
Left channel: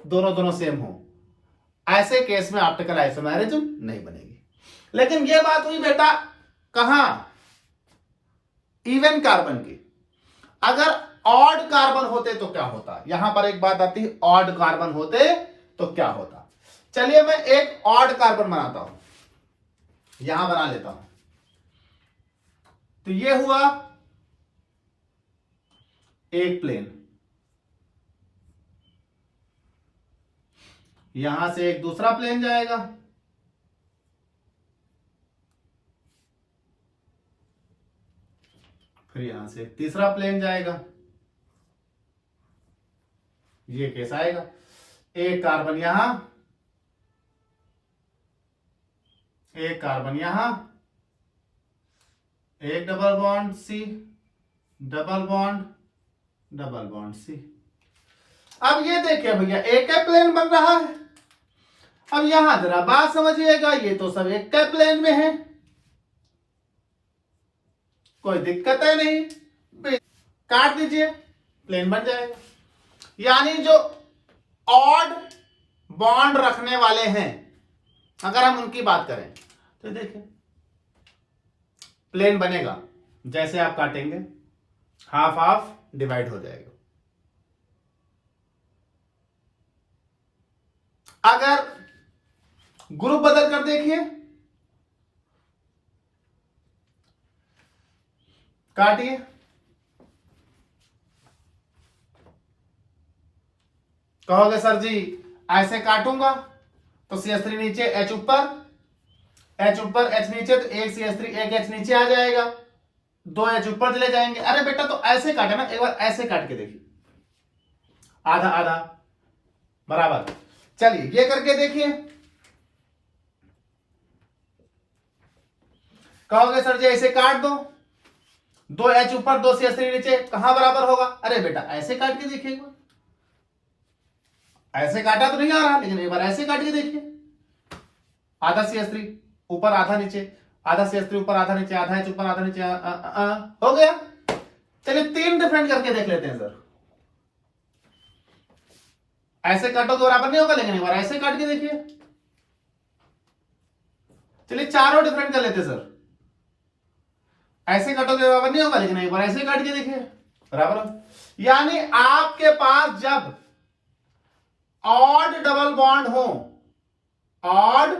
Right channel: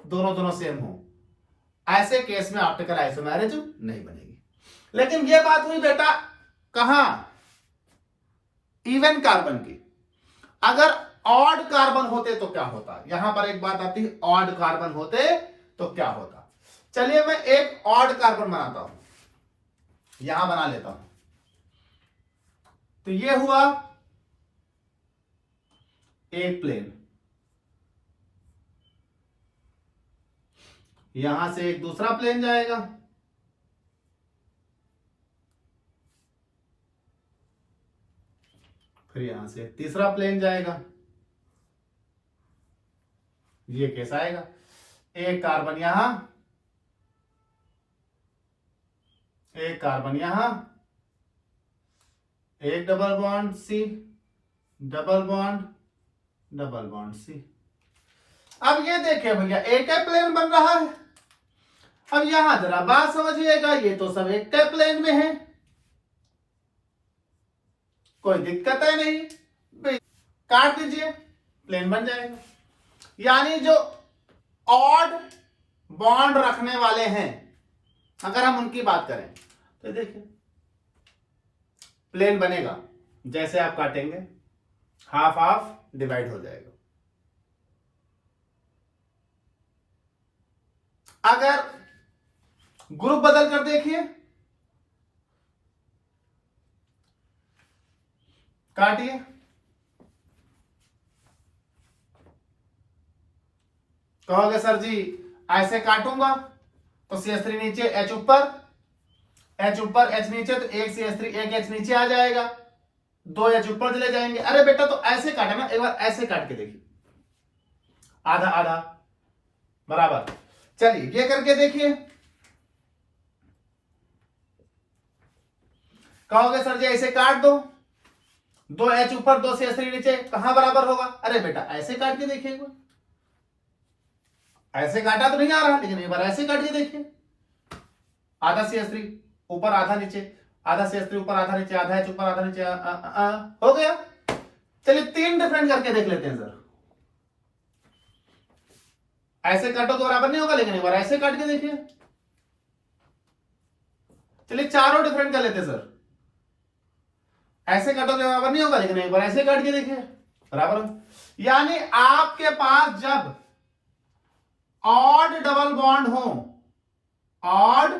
दोनों सेम हो, ऐसे केस में ऑप्टिकल आइसोमेरिज्म नहीं बनेगी। लेकिन यह बात हुई बेटा कहां, इवन कार्बन की। अगर ऑड कार्बन होते तो क्या होता, यहां पर एक बात आती है, ऑड कार्बन होते तो क्या होता। चलिए मैं एक ऑड कार्बन बनाता हूं, यहां बना लेता हूं। तो ये हुआ एक प्लेन, यहां से एक दूसरा प्लेन जाएगा, फिर यहां से तीसरा प्लेन जाएगा। ये कैसा आएगा, एक कार्बन यहां, एक कार्बन यहां, एक double bond C, double bond, double bond C. अब ये देखिए भैया, एक ही प्लेन बन रहा है। अब यहां जरा बात समझिएगा, ये तो सब एक ही प्लेन में है, कोई दिक्कत है नहीं, काट दीजिए, प्लेन बन जाएगा। यानी जो ऑड बॉन्ड रखने वाले हैं, अगर हम उनकी बात करें तो देखिए प्लेन बनेगा, जैसे आप काटेंगे हाफ हाफ डिवाइड हो जाएगा। अगर ग्रुप बदल कर देखिए, काटिए, कहोगे सर जी ऐसे काटूंगा तो CH3 नीचे, H ऊपर, H नीचे, तो एक CH3 एक H नीचे आ जाएगा, 2 H ऊपर चले जाएंगे। अरे बेटा तो ऐसे काटे ना, एक बार ऐसे काट के देखिए, आधा आधा बराबर। चलिए ये करके देखिए। कहोगे सर जी ऐसे काट दो, 2 H ऊपर 2 CH3 नीचे, कहां बराबर होगा? अरे बेटा ऐसे काट के देखिए एक बार, ऐसे काटा तो नहीं आ रहा, लेकिन एक बार ऐसे काट के देखिए, आधा CH3 ऊपर आधा नीचे, आधा CH3 ऊपर आधा नीचे, आधा H ऊपर आधा नीचे, हो गया। चलिए 3 डिफरेंट करके देख लेते हैं सर। ऐसे काटो तो बराबर नहीं होगा, लेकिन एक बार ऐसे काट के देखिए। चलिए चारों डिफरेंट कर लेते हैं सर। ऐसे काटो तो बराबर नहीं होगा, लेकिन एक बार ऐसे काट के देखिए, बराबर। यानी आपके पास जब ऑड डबल बॉन्ड हो, ऑड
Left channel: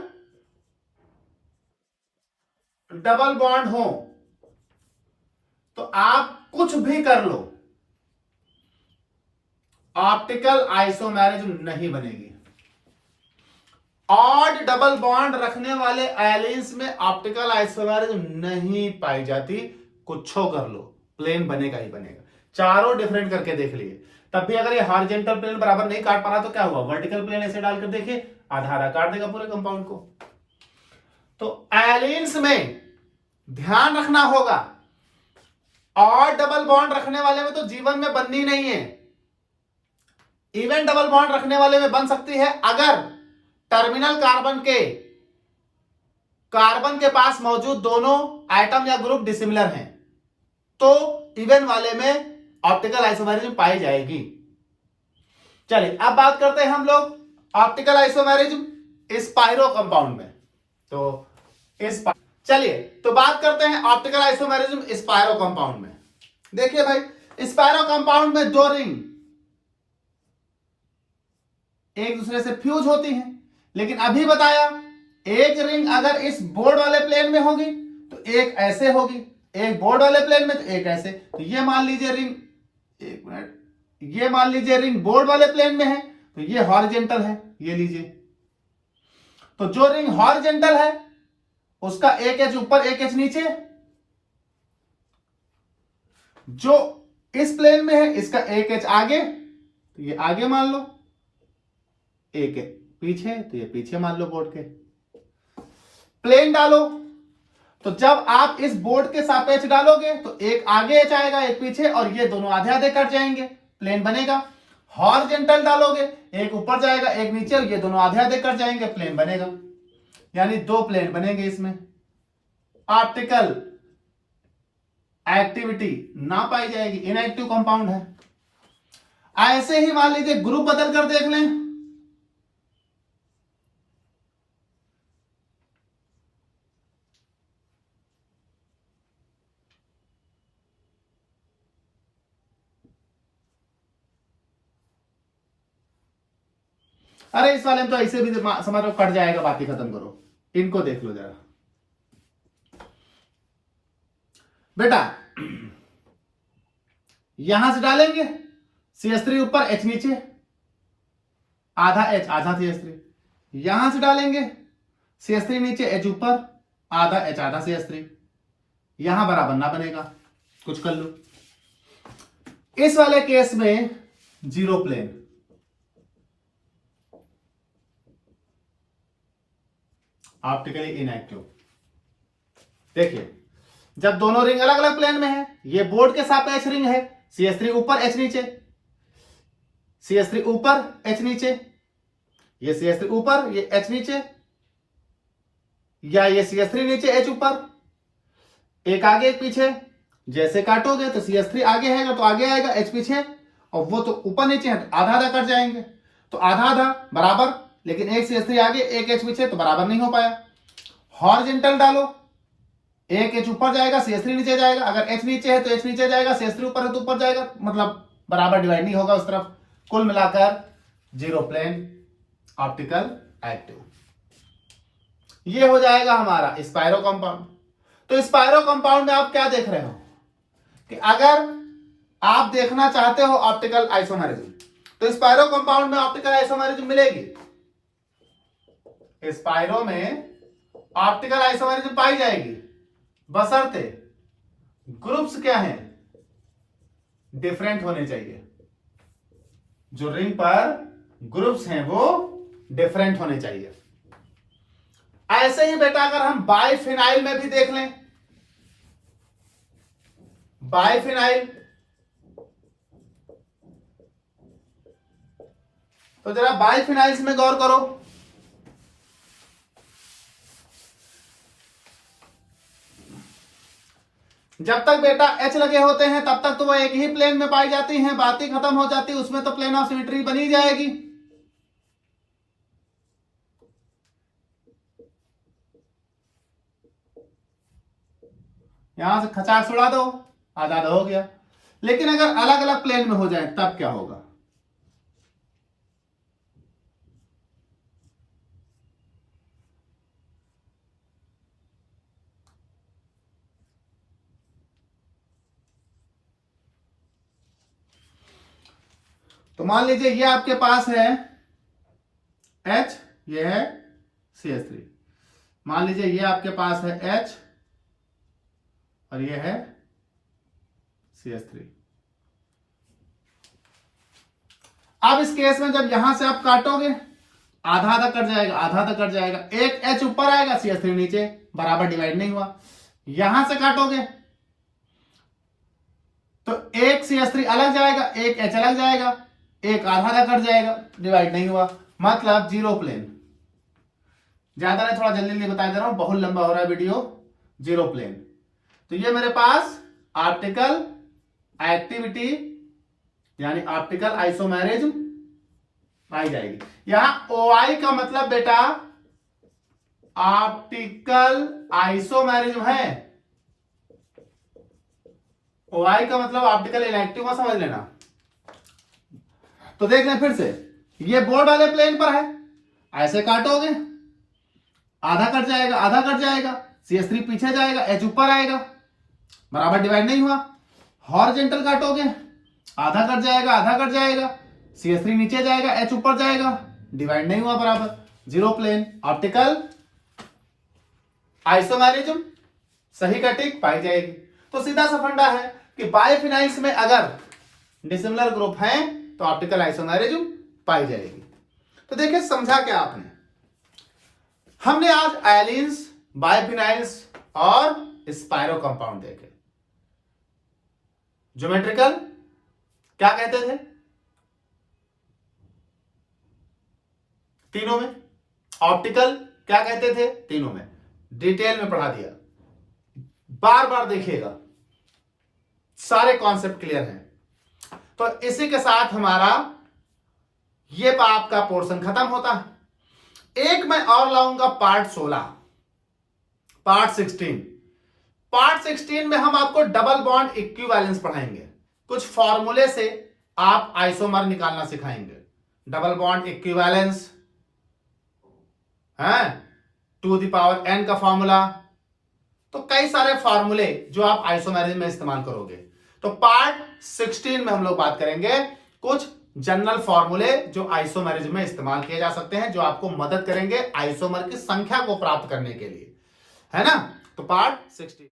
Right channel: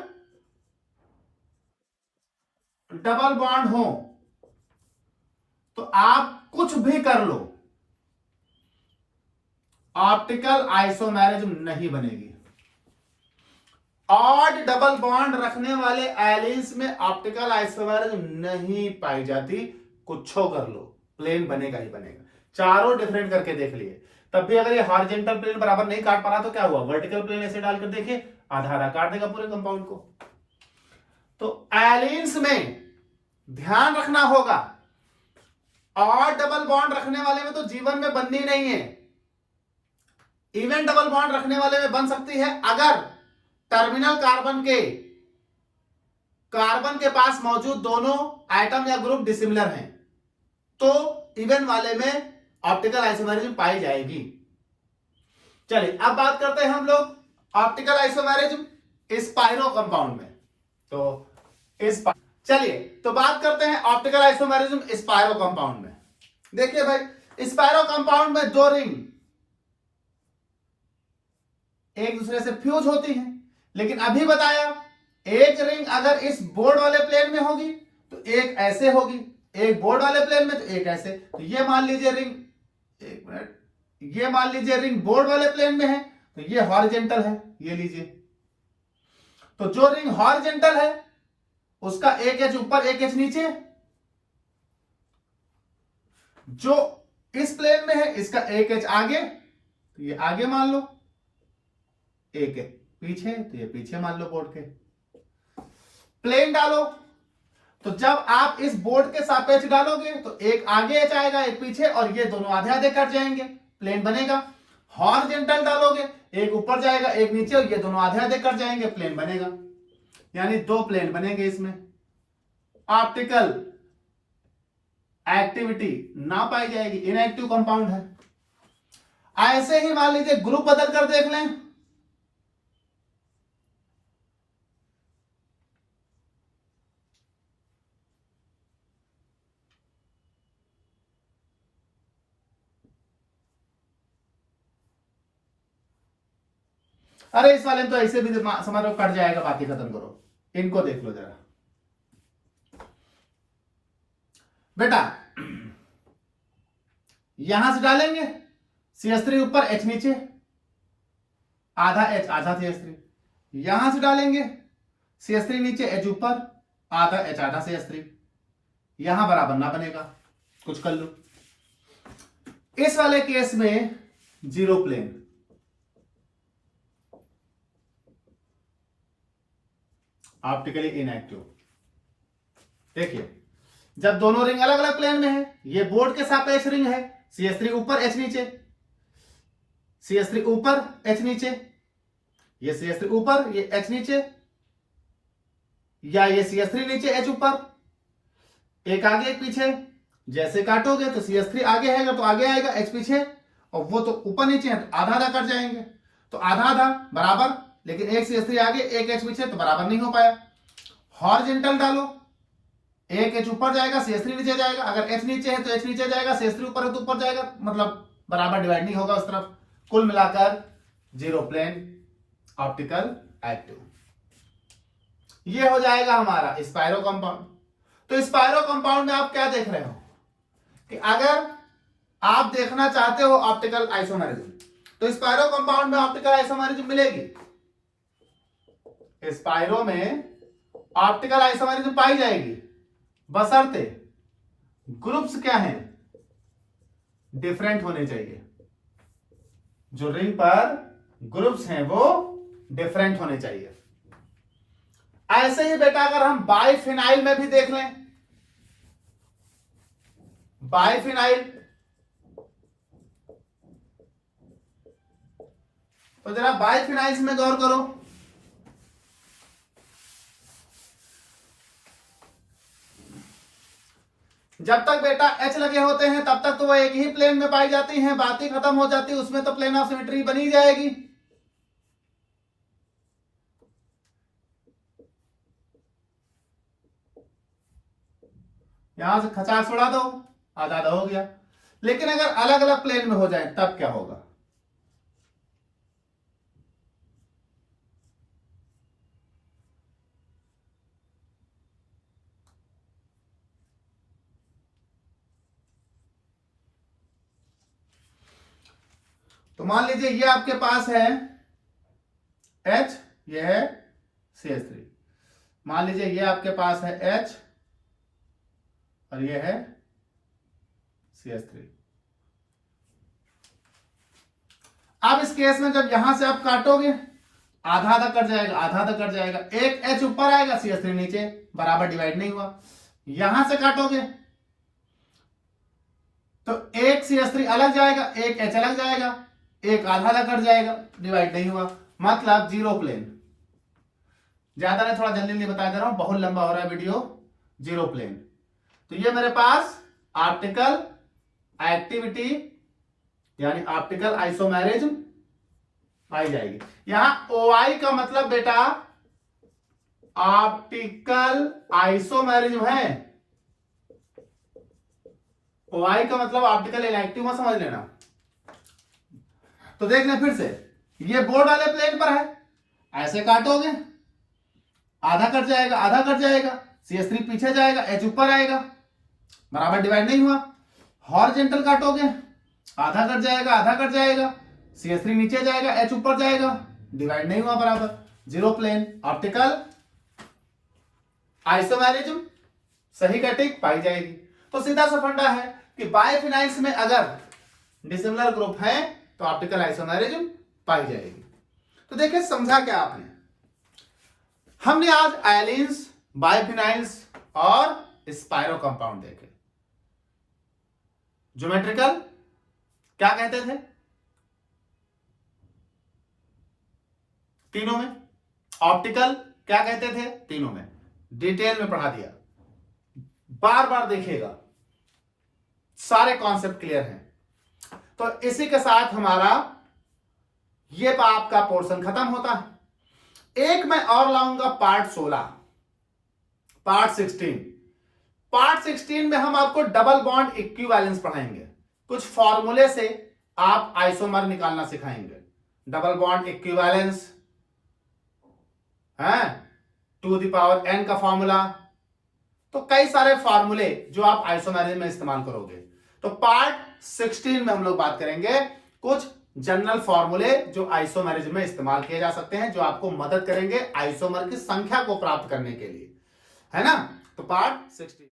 डबल बॉन्ड हो, तो आप कुछ भी कर लो, ऑप्टिकल आइसोमेरिज्म नहीं बनेगी। ऑड डबल बॉन्ड रखने वाले एलिन्स में ऑप्टिकल आइसोमेरिज्म नहीं पाई जाती, कुछो कर लो, प्लेन बनेगा ही बनेगा। चारों डिफरेंट करके देख लिए, तब भी अगर ये हॉरिजॉन्टल प्लेन बराबर नहीं काट पा रहा तो क्या हुआ, वर्टिकल प्लेन ऐसे डालकर देखिए, आधा आधा काट देगा पूरे कंपाउंड को। तो एलिन्स में ध्यान रखना होगा, ऑड डबल बॉन्ड रखने वाले में तो जीवन में बननी नहीं है, इवन डबल बॉन्ड रखने वाले में बन सकती है अगर टर्मिनल कार्बन के पास मौजूद दोनों एटम या ग्रुप डिसिमिलर हैं, तो इवन वाले में ऑप्टिकल आइसोमेरिज्म पाई जाएगी। चलिए अब बात करते हैं हम लोग ऑप्टिकल आइसोमेरिज्म स्पाइरो कंपाउंड में। तो चलिए तो बात करते हैं ऑप्टिकल आइसोमेरिज्म स्पाइरो कंपाउंड में। देखिए भाई, स्पाइरो कंपाउंड में 2 रिंग एक दूसरे से फ्यूज होती हैं, लेकिन अभी बताया एक रिंग अगर इस बोर्ड वाले प्लेन में होगी तो एक ऐसे होगी, एक बोर्ड वाले प्लेन में तो एक ऐसे। तो ये मान लीजिए रिंग, एक मिनट, ये मान लीजिए रिंग बोर्ड वाले प्लेन में है तो ये हॉरिजॉन्टल है, ये लीजिए। तो जो रिंग हॉरिजॉन्टल है उसका एक एच ऊपर एक एच नीचे, जो इस प्लेन में है इसका एक एच आगे, तो ये आगे मान लो, एक है पीछे तो ये पीछे मान लो बोर्ड के। प्लेन डालो तो जब आप इस बोर्ड के सापेक्ष डालोगे तो एक आगे एच आएगा एक पीछे, और ये दोनों आधे आधे कट जाएंगे, प्लेन बनेगा। हॉरिजॉन्टल डालोगे एक ऊपर जाएगा एक नीचे, और ये दोनों आधे आधे कट जाएंगे, प्लेन बनेगा। यानी 2 प्लेन बनेंगे इसमें। ऑप्टिकल एक्टिविटी ना पाई जाएगी, इनएक्टिव कंपाउंड है। ऐसे ही मान लीजिए ग्रुप बदल कर देख लें, अरे इस वाले में तो ऐसे भी समझ लो कट जाएगा, बाकी खत्म करो, इनको देख लो जरा बेटा। यहां से डालेंगे CH3 ऊपर H नीचे, आधा H आधा CH3, यहां से डालेंगे CH3 नीचे H ऊपर, आधा H आधा CH3, यहां बराबर ना बनेगा, कुछ कर लो। इस वाले केस में 0 प्लेन, ऑप्टिकली इनएक्टिव। देखिए जब दोनों रिंग अलग अलग प्लेन में है, ये बोर्ड के सापेक्ष रिंग है, CH3 ऊपर H नीचे, CH3 ऊपर H नीचे, ये CH3 ऊपर ये H नीचे, या ये CH3 नीचे H ऊपर, एक आगे एक पीछे। जैसे काटोगे तो CH3 आगे आएगा तो आगे आएगा, H पीछे, और वो तो ऊपर नीचे है, आधा आधा कट जाएंगे, तो आधा आधा बराबर, लेकिन एक CH3 आगे एक H पीछे तो बराबर नहीं हो पाया। हॉरिजॉन्टल डालो, एक H ऊपर जाएगा CH3 नीचे जाएगा, अगर H नीचे है तो H नीचे जाएगा, CH3 ऊपर है तो ऊपर जाएगा, मतलब बराबर डिवाइड नहीं होगा उस तरफ। कुल मिलाकर 0 प्लेन, ऑप्टिकल एक्टिव। ये हो जाएगा हमारा स्पाइरो कंपाउंड। तो स्पाइरो कंपाउंड में आप क्या देख रहे हो कि अगर आप देखना चाहते हो ऑप्टिकल आइसोमेरिज्म, तो स्पायरो कंपाउंड में ऑप्टिकल आइसोमेरिज्म मिलेगी, स्पायरो में ऑप्टिकल आइसोमेरिज्म पाई जाएगी, बशर्ते ग्रुप्स क्या हैं, डिफरेंट होने चाहिए। जो रिंग पर ग्रुप्स हैं वो डिफरेंट होने चाहिए। ऐसे ही बेटा अगर हम बाइफिनाइल में भी देख लें, बाइफिनाइल, तो जरा बाइफिनाइल्स में गौर करो। जब तक बेटा H लगे होते हैं तब तक तो वो एक ही प्लेन में पाई जाती हैं, बात ही खत्म हो जाती है, उसमें तो प्लेन ऑफ सिमेट्री बनी जाएगी। यहां से खचाक उड़ा दो, आधा हो गया। लेकिन अगर अलग अलग प्लेन में हो जाए तब क्या होगा? तो मान लीजिए ये आपके पास है H, ये है CH3। मान लीजिए ये आपके पास है H और ये है CH3। अब इस केस में जब यहां से आप काटोगे, आधा आधा कट जाएगा, आधा आधा कट जाएगा, एक H ऊपर आएगा, CH3 नीचे, बराबर डिवाइड नहीं हुआ। यहां से काटोगे तो एक CH3 अलग जाएगा, एक H अलग जाएगा, एक आधा आधा कट जाएगा, डिवाइड नहीं हुआ, मतलब जीरो प्लेन। ज्यादा नहीं, थोड़ा जल्दी जल्दी बता दे रहा हूं, बहुत लंबा हो रहा है वीडियो। Zero plane. तो ये मेरे पास ऑप्टिकल एक्टिविटी यानी ऑप्टिकल आइसोमेरिज्म पाई जाएगी। यहां OI का मतलब बेटा ऑप्टिकल आइसोमेरिज्म है, OI का मतलब ऑप्टिकल इनएक्टिव में समझ लेना। तो देख लें फिर से, ये बोर्ड वाले प्लेन पर है, ऐसे काटोगे, आधा कट जाएगा, आधा कट जाएगा, CH3 पीछे जाएगा, H ऊपर आएगा, बराबर डिवाइड नहीं हुआ। हॉरिजॉन्टल काटोगे, आधा कट जाएगा, आधा कट जाएगा, CH3 नीचे जाएगा, H ऊपर जाएगा, डिवाइड नहीं हुआ, बराबर जीरो प्लेन। ऑप्टिकल आइसोमेरिज्म सही का टिक पाई जाएगी। तो सीधा सा फंडा है कि बाइफिनाइल्स में अगर डिसिमिलर ग्रुप है तो ऑप्टिकल आइसोमेरिज्म पाई जाएगी। तो देखिए समझा क्या आपने? हमने आज आयलीन्स, बाइफिनाइल्स और स्पायरो कंपाउंड देखे। ज्योमेट्रिकल क्या कहते थे तीनों में, ऑप्टिकल क्या कहते थे तीनों में, डिटेल में पढ़ा दिया, बार बार देखिएगा, सारे कॉन्सेप्ट क्लियर हैं। तो इसी के साथ हमारा ये आपका पोर्शन खत्म होता है। एक मैं और लाऊंगा पार्ट 16, पार्ट 16। पार्ट 16 में हम आपको डबल बॉन्ड इक्विवेलेंस पढ़ाएंगे, कुछ फॉर्मूले से आप आइसोमर निकालना सिखाएंगे। डबल बॉन्ड इक्विवेलेंस है, 2 द पावर n का फॉर्मूला, तो कई सारे फॉर्मूले जो आप आइसोमेरिज्म में इस्तेमाल करोगे। तो पार्ट 16 में हम लोग बात करेंगे कुछ जनरल फॉर्मूले जो आइसोमेरिज्म में इस्तेमाल किए जा सकते हैं, जो आपको मदद करेंगे आइसोमर की संख्या को प्राप्त करने के लिए, है ना। तो पार्ट 16।